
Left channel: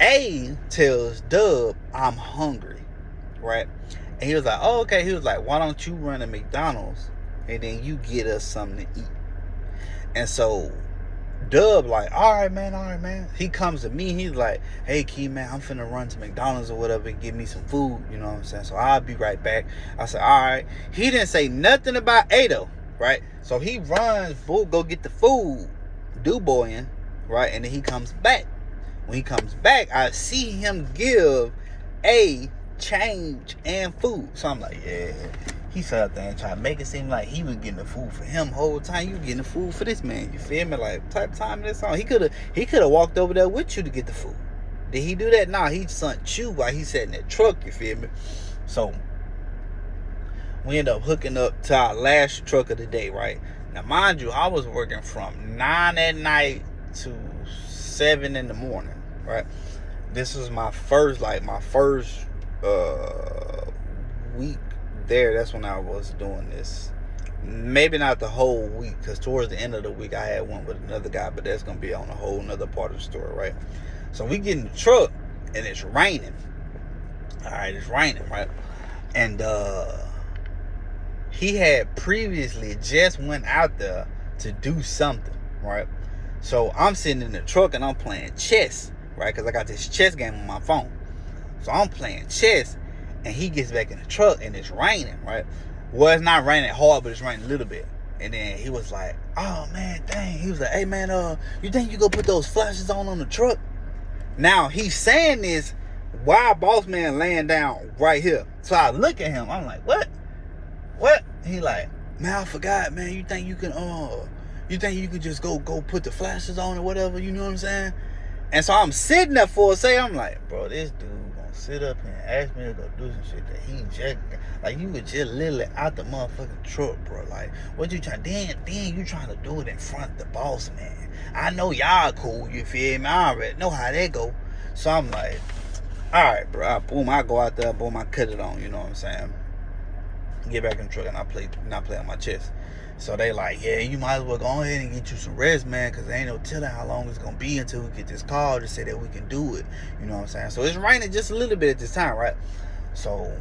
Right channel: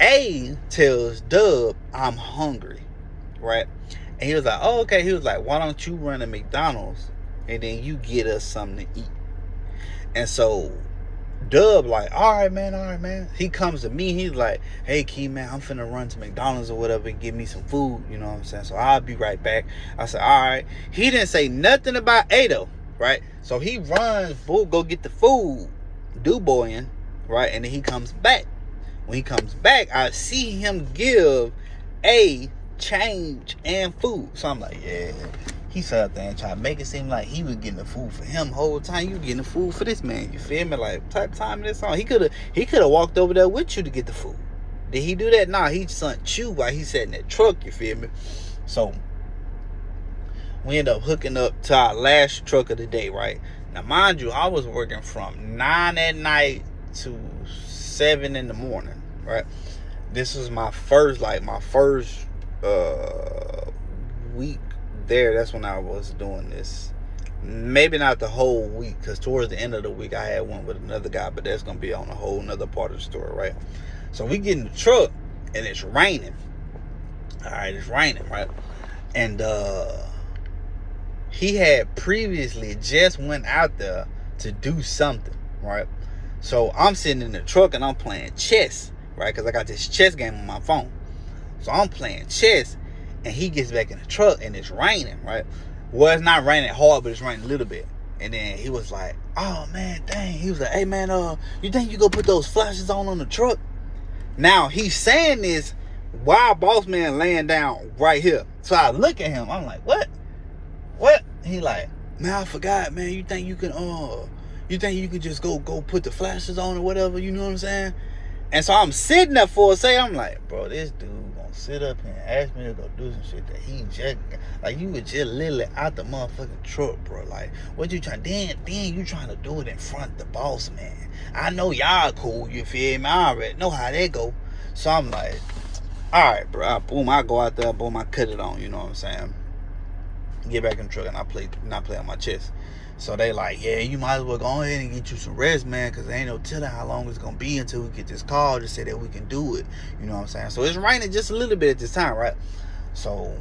A tells Dub, I'm hungry, right? And he was like, oh, okay. He was like, why don't you run to McDonald's and then you get us something to eat? And so Dub like, all right, man. He comes to me. He's like, hey, Key, man, I'm finna run to McDonald's or whatever and get me some food. You know what I'm saying? So I'll be right back. I said, all right. He didn't say nothing about Ado, right? So he runs, go get the food, do-boying, right? And then he comes back. When he comes back, I see him give a change and food. So I'm like, yeah. He sat there and tried to make it seem like he was getting the food for him the whole time. You getting the food for this man. You feel me? Like, type of time this on. He could have walked over there with you to get the food. Did he do that? Nah, he sent you while he sat in that truck. You feel me? So we end up hooking up to our last truck of the day, right? Now, mind you, I was working from 9 at night to 7 in the morning, right? This was my first week there. That's when I was doing this. Maybe not the whole week, because towards the end of the week I had one with another guy, but that's gonna be on a whole nother part of the story, right? So we get in the truck and it's raining. All right, it's raining, right? And he had previously just went out there to do something, right? So I'm sitting in the truck and I'm playing chess, right? Because I got this chess game on my phone. So I'm playing chess, and he gets back in the truck, and it's raining, right? Well, it's not raining hard, but it's raining a little bit. And then he was like, oh, man, dang. He was like, hey, man, you think you go put those flashes on the truck? Now, he's saying this while boss man laying down right here. So I look at him. I'm like, what? He like, man, I forgot, man. You think you could just go put the flashes on or whatever? You know what I'm saying? And so I'm sitting there for a second. I'm like, bro, this dude gonna sit up and ask me to go do some shit that he just, like, you were just literally out the motherfucking truck, bro. Like, what you trying, then you trying to do it in front of the boss, man. I know y'all cool, you feel me? I already know how that go. So I'm like, all right, bro. Boom, I go out there, boom, I cut it on, you know what I'm saying? Get back in the truck and not play on my chest. So they like, yeah, you might as well go ahead and get you some rest, man, because there ain't no telling how long it's gonna be until we get this call to say that we can do it. You know what I'm saying? So it's raining just a little bit at this time, right? So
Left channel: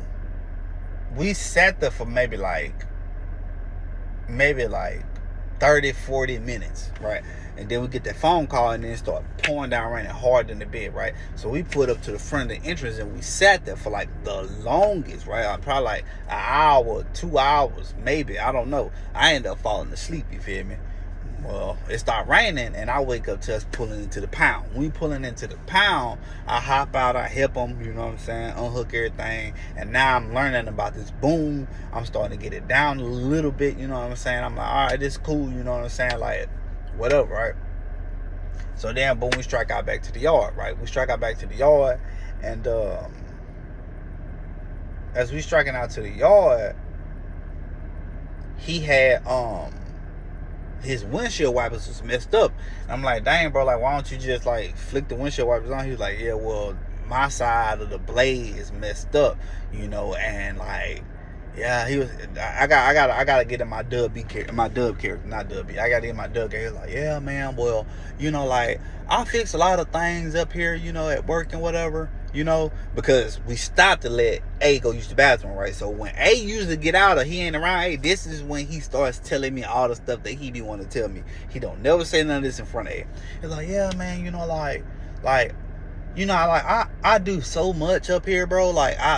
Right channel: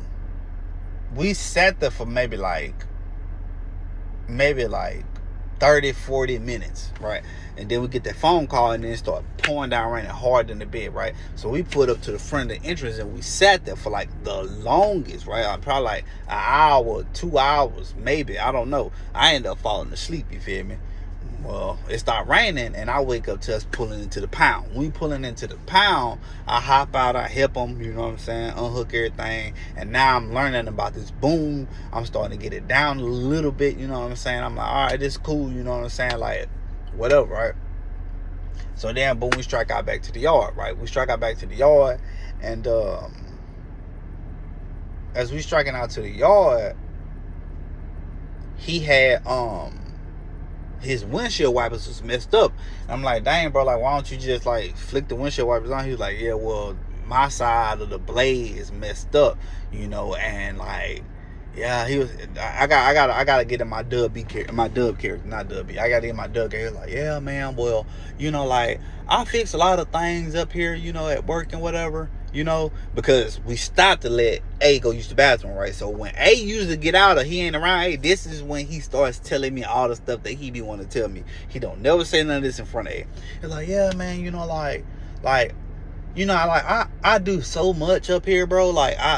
we sat there for maybe like 30, 40 minutes, right? And then we get that phone call and then start pouring down raining hard in the bed, right? So we put up to the front of the entrance and we sat there for like the longest, right? Probably like an hour, 2 hours, maybe. I don't know. I ended up falling asleep, you feel me? Well, it started raining and I wake up to us pulling into the pound. When we pulling into the pound, I hop out, I help them, you know what I'm saying, unhook everything. And now I'm learning about this boom. I'm starting to get it down a little bit, you know what I'm saying? I'm like, all right, this is cool, you know what I'm saying? Like, whatever, right? So then, boom, we strike out back to the yard, right? We strike out back to the yard. And as we striking out to the yard, he had, his windshield wipers was messed up. And I'm like, dang, bro, like, why don't you just like flick the windshield wipers on? He was like, yeah, well, my side of the blade is messed up, you know, and like, yeah, he was. I gotta get in my dub character, not dub B. I gotta get in my dub character. He was like, yeah, man, well, you know, like, I fix a lot of things up here, you know, at work and whatever, you know, because we stopped to let A go use the bathroom, right? So when A usually get out or he ain't around, hey, this is when he starts telling me all the stuff that he be wanting to tell me. He don't never say none of this in front of A. He's like, yeah, man, you know, like, you know, I do so much up here, bro. Like I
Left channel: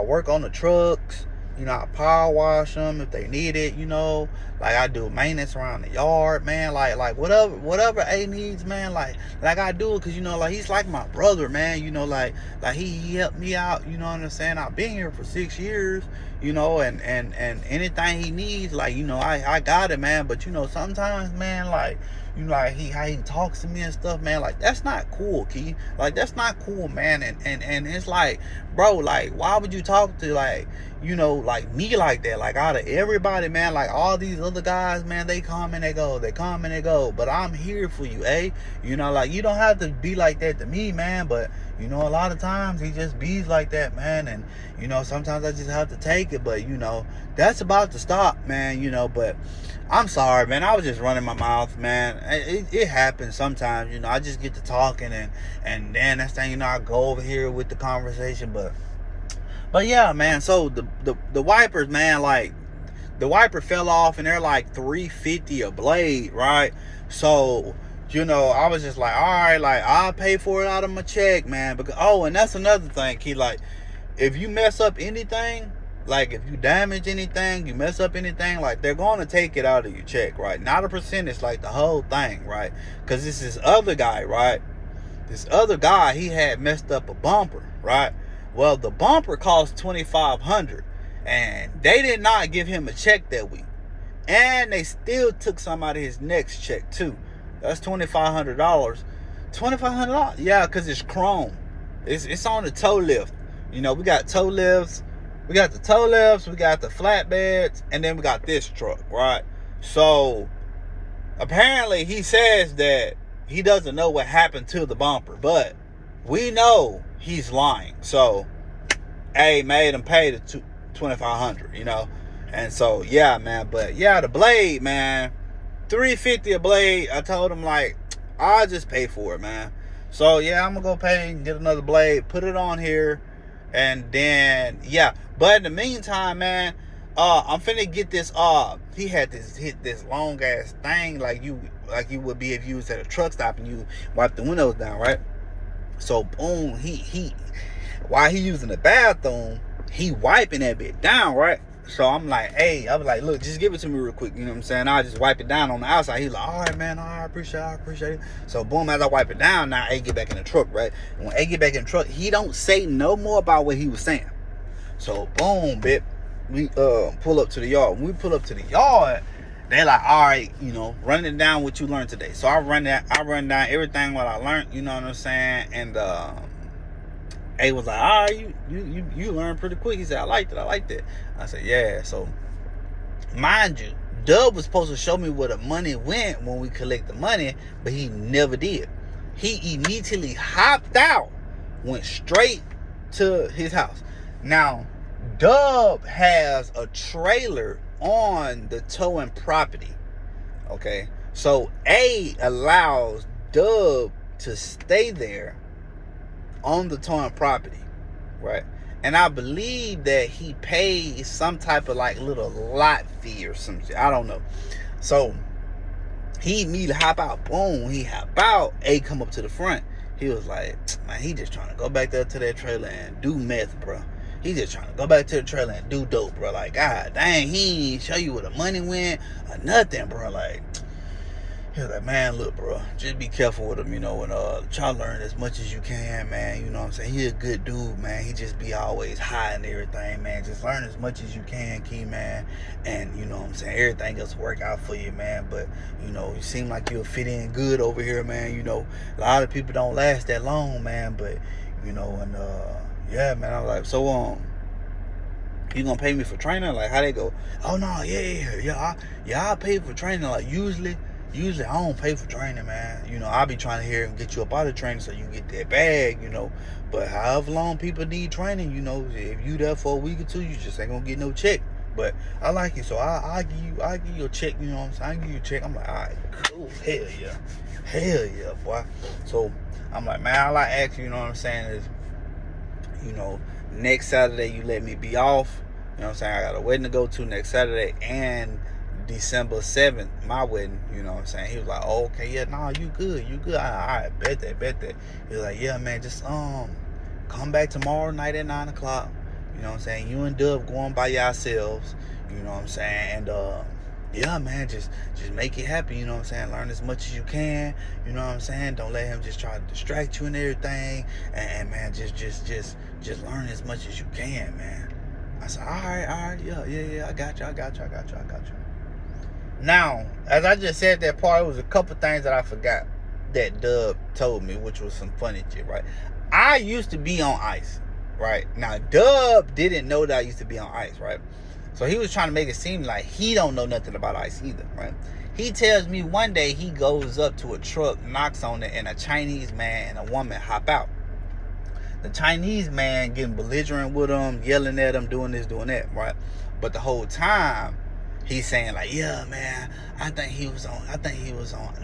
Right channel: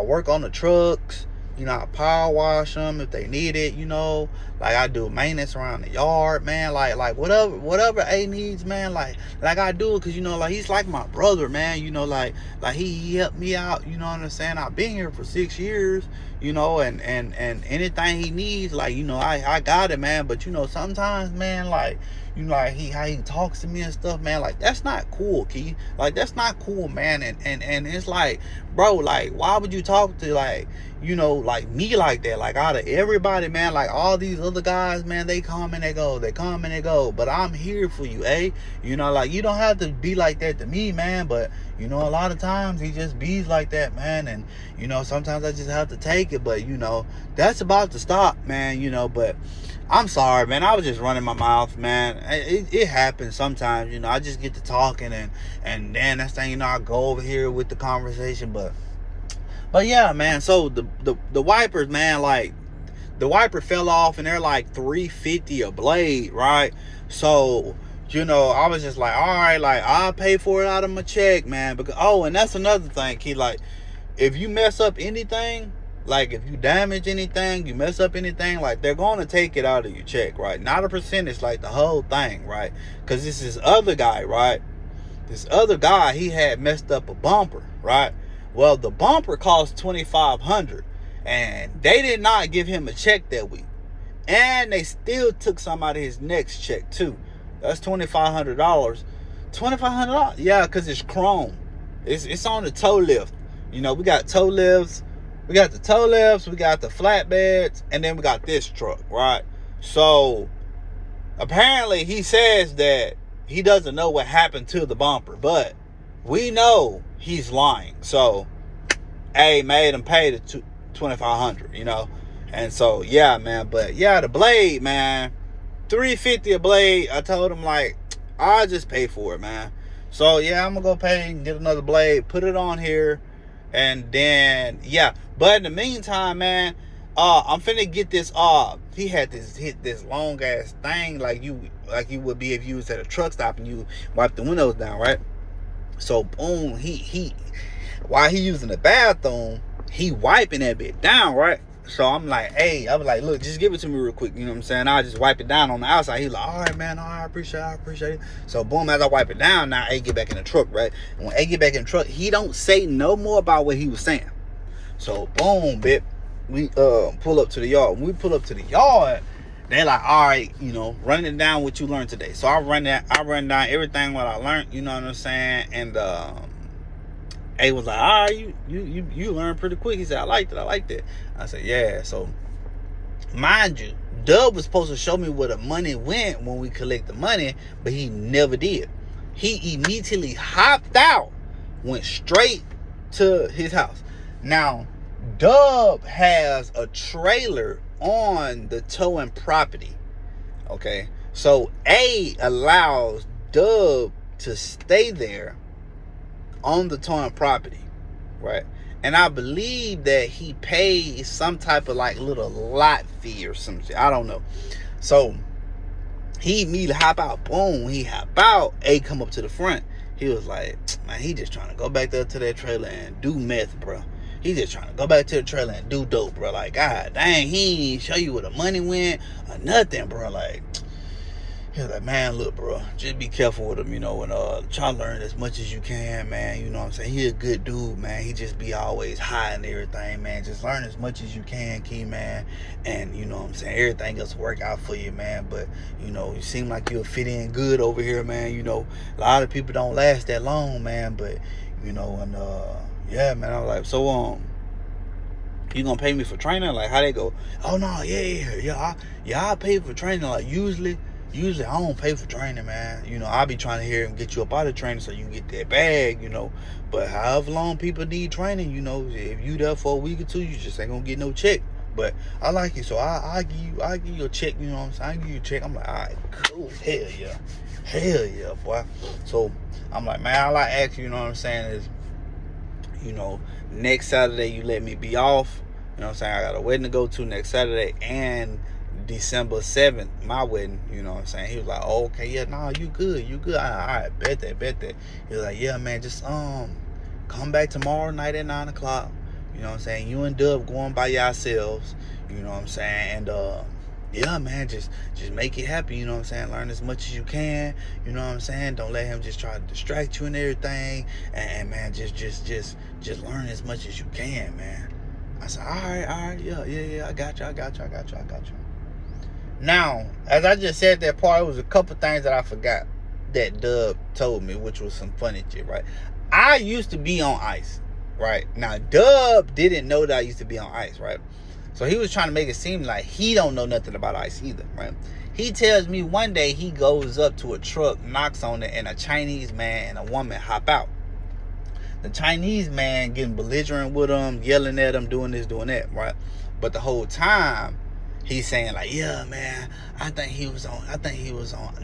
work on the trucks. You know, I power wash them if they need it. You know, like I do maintenance around the yard, man. Like whatever A needs, man. Like I do it, cause you know, like he's like my brother, man. You know, like he helped me out. You know what I'm saying? I've been here for 6 years. You know, and anything he needs, like, you know, I got it, man. But you know, sometimes, man, like, you know, like how he talks to me and stuff, man, like, that's not cool, Key. Like, that's not cool, man. And it's like, bro, like, why would you talk to, like, you know, like me like that? Like, out of everybody, man, like all these other guys, man, they come and they go, but I'm here for you, eh? You know, like, you don't have to be like that to me, man. But you know, a lot of times he just bees like that, man. And you know, sometimes I just have to take it. But you know, that's about to stop, man. You know, but I'm sorry, man. I was just running my mouth, man. It happens sometimes, you know. I just get to talking and then that's thing, you know, I go over here with the conversation. But yeah, man. So the wipers, man, like the wiper fell off and they're like $350 a blade, right? So, you know, I was just like, all right, like, I'll pay for it out of my check, man. Because, oh, and that's another thing, Key. Like, if you mess up anything, like, if you damage anything, you mess up anything, like, they're going to take it out of your check, right? Not a percentage, like, the whole thing, right? Because this other guy, right? This other guy, he had messed up a bumper, right? Well, the bumper cost $2,500, and they did not give him a check that week. And they still took some out of his next check, too. That's $2,500. $2,500? Yeah, because it's chrome. It's on the toe lift. You know, we got toe lifts. We got the toe lifts. We got the flatbeds. And then we got this truck, right? So, apparently, he says that he doesn't know what happened to the bumper. But we know he's lying. So, A made him pay the $2,500, you know? And so, yeah, man. But, yeah, the blade, man, $350 a blade. I told him, like, I'll just pay for it, man. So, yeah, I'm going to go pay and get another blade, put it on here, and then, yeah. But in the meantime, man, I'm finna get this, he had this long-ass thing like you would be if you was at a truck stop and you wipe the windows down, right? So, boom, while he using the bathroom, he wiping that bit down, right? So I'm like, hey, I was like, look, just give it to me real quick. You know what I'm saying? I'll just wipe it down on the outside. He's like, all right, man. All right, I appreciate it. So boom, as I wipe it down, now A get back in the truck, right? And when A get back in the truck, he don't say no more about what he was saying. So boom, bit, we pull up to the yard. When we pull up to the yard, they're like, all right, you know, running down what you learned today. So I run down everything what I learned, you know what I'm saying? And A was like, all right, you learned pretty quick. He said, I liked it. I said, yeah. So, mind you, Dub was supposed to show me where the money went when we collect the money, but he never did. He immediately hopped out, went straight to his house. Now, Dub has a trailer on the towing property. Okay, so A allows Dub to stay there on the towing property, right? And I believe that he pays some type of like little lot fee or some shit. I don't know. So he immediately hop out. Boom, he hop out. A come up to the front. He was like, man, he just trying to go back there to that trailer and do meth, bro. He just trying to go back to the trailer and do dope, bro. Like, God dang, he ain't show you where the money went or nothing, bro. Like, he was like, man, look, bro, just be careful with him, you know, and try to learn as much as you can, man. You know what I'm saying? He a good dude, man. He just be always high and everything, man. Just learn as much as you can, Key, man. And, you know what I'm saying? Everything else work out for you, man. But, you know, you seem like you'll fit in good over here, man. You know, a lot of people don't last that long, man. But, you know, and, yeah, man, I was like, so, you gonna pay me for training? Like, how they go? Oh, no, yeah, I'll pay for training. Like, usually I don't pay for training, man. You know, I'll be trying to hear and get you up out of training so you can get that bag, you know. But however long people need training, you know, if you there for a week or two, you just ain't gonna get no check. But I like it, so I'll give you a check, you know what I'm saying? I'll give you a check. I'm like, all right, cool, hell yeah, boy. So I'm like, man, all I ask you, you know what I'm saying, is, you know, next Saturday you let me be off. You know what I'm saying? I got a wedding to go to next Saturday and December 7th, my wedding, you know what I'm saying? He was like, oh, okay, yeah, nah, you good. I bet that. He was like, yeah, man, just come back tomorrow night at 9 o'clock. You know what I'm saying? You and Dub going by yourselves, you know what I'm saying? And yeah, man, just make it happen, you know what I'm saying? Learn as much as you can, you know what I'm saying? Don't let him just try to distract you and everything. And man, just learn as much as you can, man. I said, all right, yeah, I got you. Now, as I just said that part, it was a couple things that I forgot that Dub told me, which was some funny shit, right? I used to be on ice, right? Now, Dub didn't know that I used to be on ice, right? So he was trying to make it seem like he don't know nothing about ice either, right? He tells me one day he goes up to a truck, knocks on it, and a Chinese man and a woman hop out. The Chinese man getting belligerent with him, yelling at him, doing this, doing that, right? But the whole time, he's saying like, yeah, man, I think he was on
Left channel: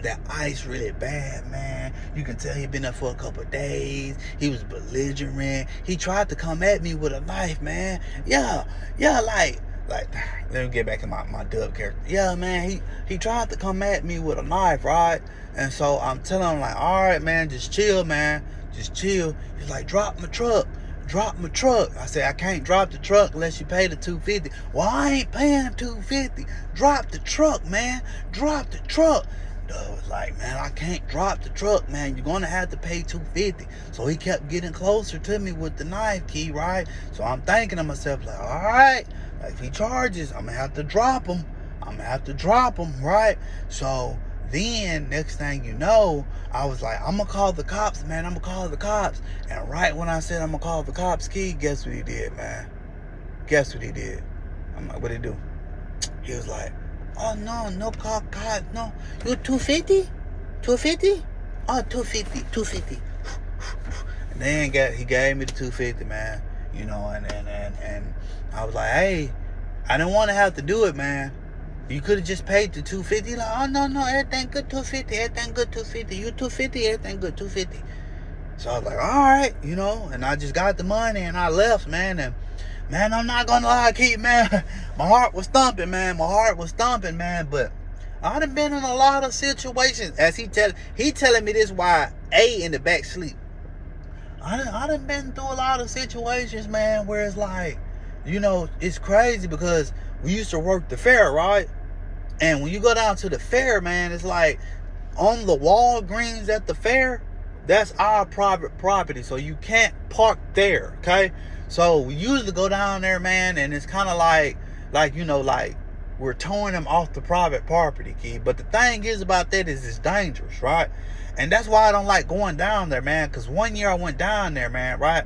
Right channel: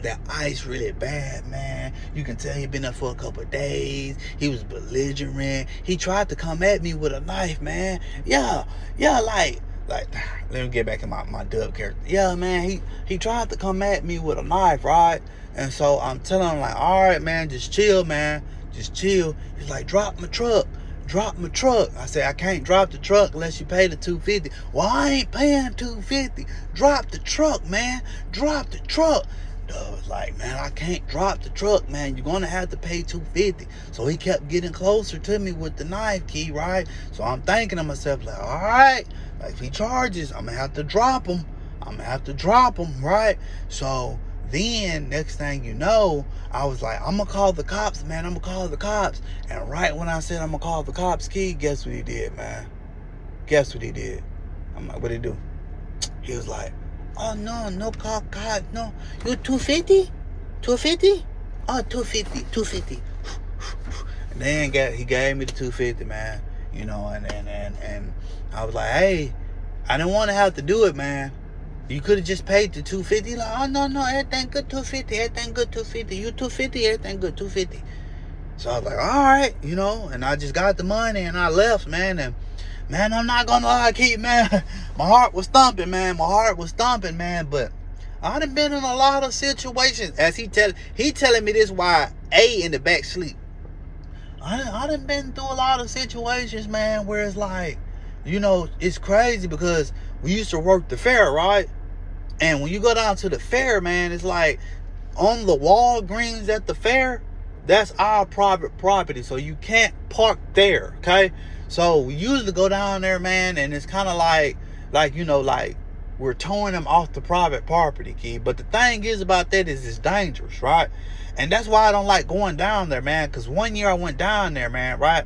that ice really bad, man. You can tell he been there for a couple of days. He was belligerent. He tried to come at me with a knife, man. Yeah, like, let me get back in my Dub character. Yeah, man, he tried to come at me with a knife, right? And so I'm telling him like, all right, man, just chill, man. Just chill. He's like, drop my truck. I said, I can't drop the truck unless you pay the $250. Well, I ain't paying $250. Drop the truck, man. Drop the truck. Dub was like, man, I can't drop the truck, man. You're gonna have to pay $250. So he kept getting closer to me with the knife, Key, right? So I'm thinking to myself, like, all right, like if he charges, I'm gonna have to drop him. Right? So then, next thing you know, I was like, I'm going to call the cops, man. And right when I said I'm going to call the cops, Key, guess what he did, man? I'm like, what'd he do? He was like, oh, no call cops, no. You $250? $250? Oh, $250. And then he gave me the $250, man. You know, and I was like, hey, I didn't want to have to do it, man. You could have just paid the $250. Like, oh, no, everything good, $250. You $250, everything good, $250. So I was like, all right, you know, and I just got the money and I left, man. And, man, I'm not going to lie, Keith, man. My heart was thumping, man. But I done been in a lot of situations. As he telling me this while A in the back sleep. I done been through a lot of situations, man, where it's like, you know, it's crazy because we used to work the fair, right? And when you go down to the fair, man, it's like on the Walgreens at the fair, that's our private property. So you can't park there, okay? So we usually go down there, man, and it's kind of like, you know, like we're towing them off the private property, kid. But the thing is about that is it's dangerous, right? And that's why I don't like going down there, man. Because one year I went down there, man, right?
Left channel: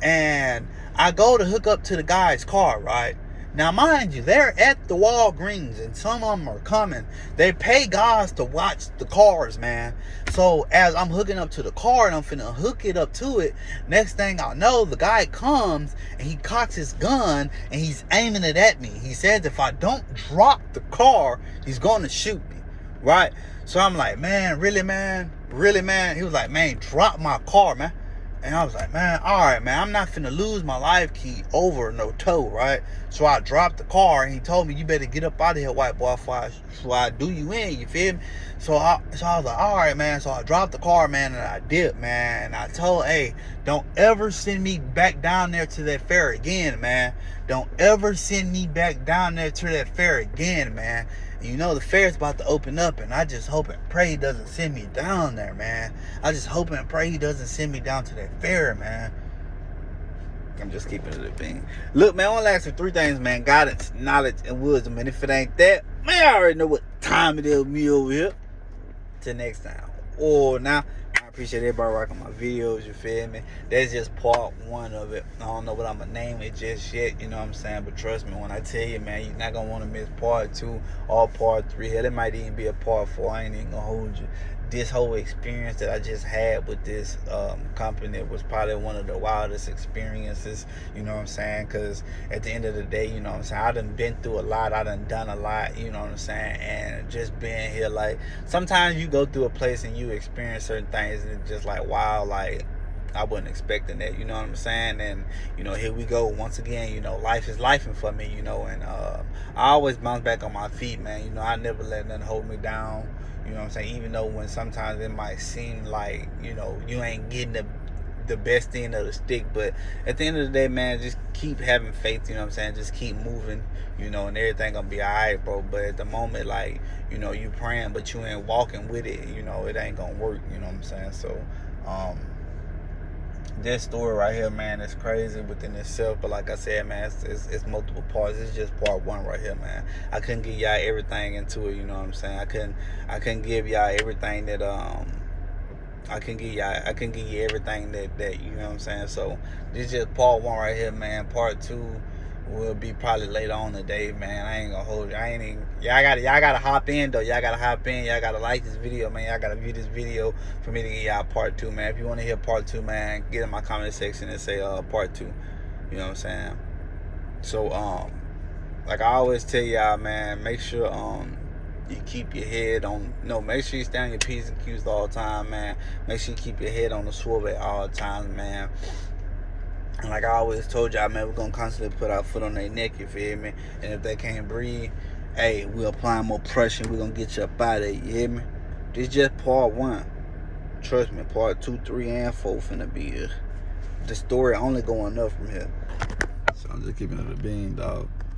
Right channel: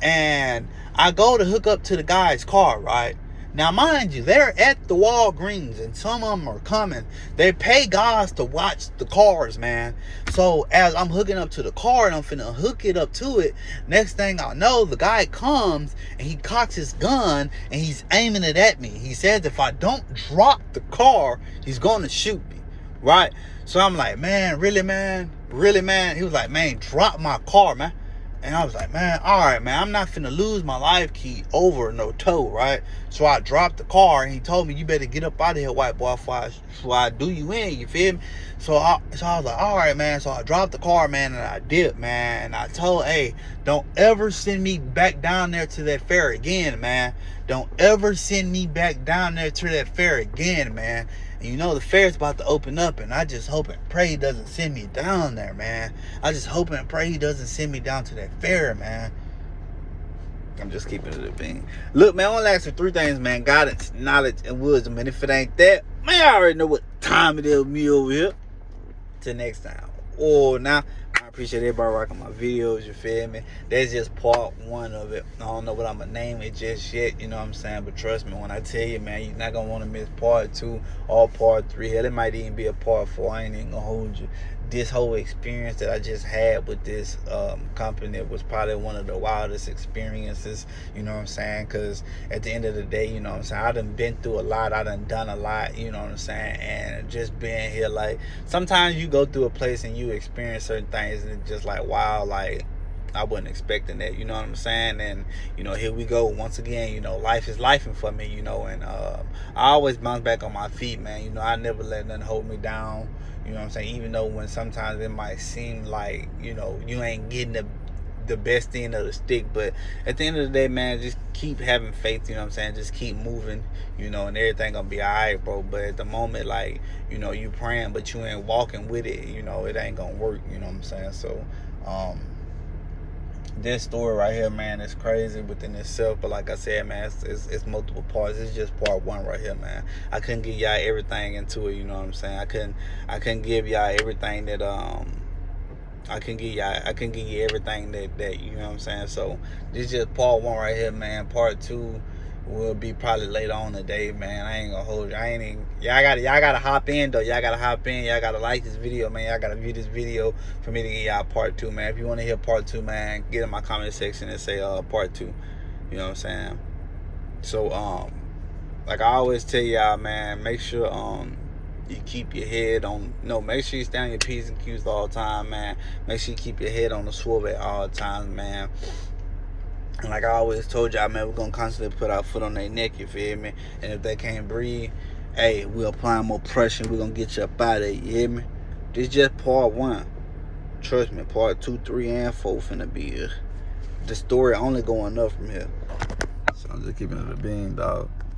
And I go to hook up to the guy's car, right? Now, mind you, they're at the Walgreens and some of them are coming. They pay guys to watch the cars, man. So as I'm hooking up to the car and I'm finna hook it up to it, next thing I know, the guy comes and he cocks his gun and he's aiming it at me. He says if I don't drop the car, he's gonna shoot me, right? So I'm like, man, really, man? Really, man? He was like, man, drop my car, man. And I was like, man, all right, man, I'm not finna lose my life key over no tow, right? So I dropped the car, and he told me, you better get up out of here, white boy, before I do you in, you feel me? So I was like, all right, man. So I dropped the car, man, and I dipped, man. And I told, hey, don't ever send me back down there to that fair again, man. Don't ever send me back down there to that fair again, man. And you know the fair's about to open up, and I just hope and pray he doesn't send me down there, man. I just hope and pray he doesn't send me down to that fair, man. I'm just keeping it a bean. Look, man, I want to ask for 3 things, man. Guidance, knowledge, and wisdom. And if it ain't that, man, I already know what time it is with me over here. Till next time. Oh, now, I appreciate everybody rocking my videos, you feel me? That's just part 1 of it. I don't know what I'm going to name it just yet, you know what I'm saying? But trust me, when I tell you, man, you're not going to want to miss part 2 or part 3. Hell, it might even be a part 4. I ain't even going to hold you. This whole experience that I just had with this company was probably one of the wildest experiences, you know what I'm saying? Because at the end of the day, you know what I'm saying, I done been through a lot, I done done a lot, you know what I'm saying? And just being here, like, sometimes you go through a place and you experience certain things and it's just like, wow, like, I wasn't expecting that, you know what I'm saying? And, you know, here we go once again, you know, life is lifing for me, you know, and I always bounce back on my feet, man. You know, I never let nothing hold me down. You know what I'm saying? Even though when sometimes it might seem like, you know, you ain't getting the best end of the stick. But at the end of the day, man, just keep having faith, you know what I'm saying? Just keep moving, you know, and everything gonna be all right, bro. But at the moment, like, you know, you praying, but you ain't walking with it, you know, it ain't gonna work, you know what I'm saying? So, this story right here, man, is crazy within itself. But like I said, man, it's multiple parts. It's just part 1 right here, man. I couldn't give y'all everything into it, you know what I'm saying? I couldn't give y'all everything that I can give you everything that you know what I'm saying. So this is just part 1 right here, man. Part 2 will be probably later on today, man. I ain't gonna hold you. Y'all gotta hop in though. Y'all gotta hop in. Y'all gotta like this video, man. Y'all gotta view this video for me to get y'all part 2, man. If you want to hear part 2, man, get in my comment section and say part 2. You know what I'm saying? So like I always tell y'all, man, make sure you keep your head on. No, make sure you stay on your P's and Q's all the time, man. Make sure you keep your head on the swivel at all times, man. And like I always told y'all, man, we're going to constantly put our foot on their neck, you feel me? And if they can't breathe, hey, we're applying more pressure and we're going to get you up out of there, you hear me? This is just part 1. Trust me, part 2, 3, and 4 finna be here. The story only going up from here. So I'm just keeping it a bean, dog.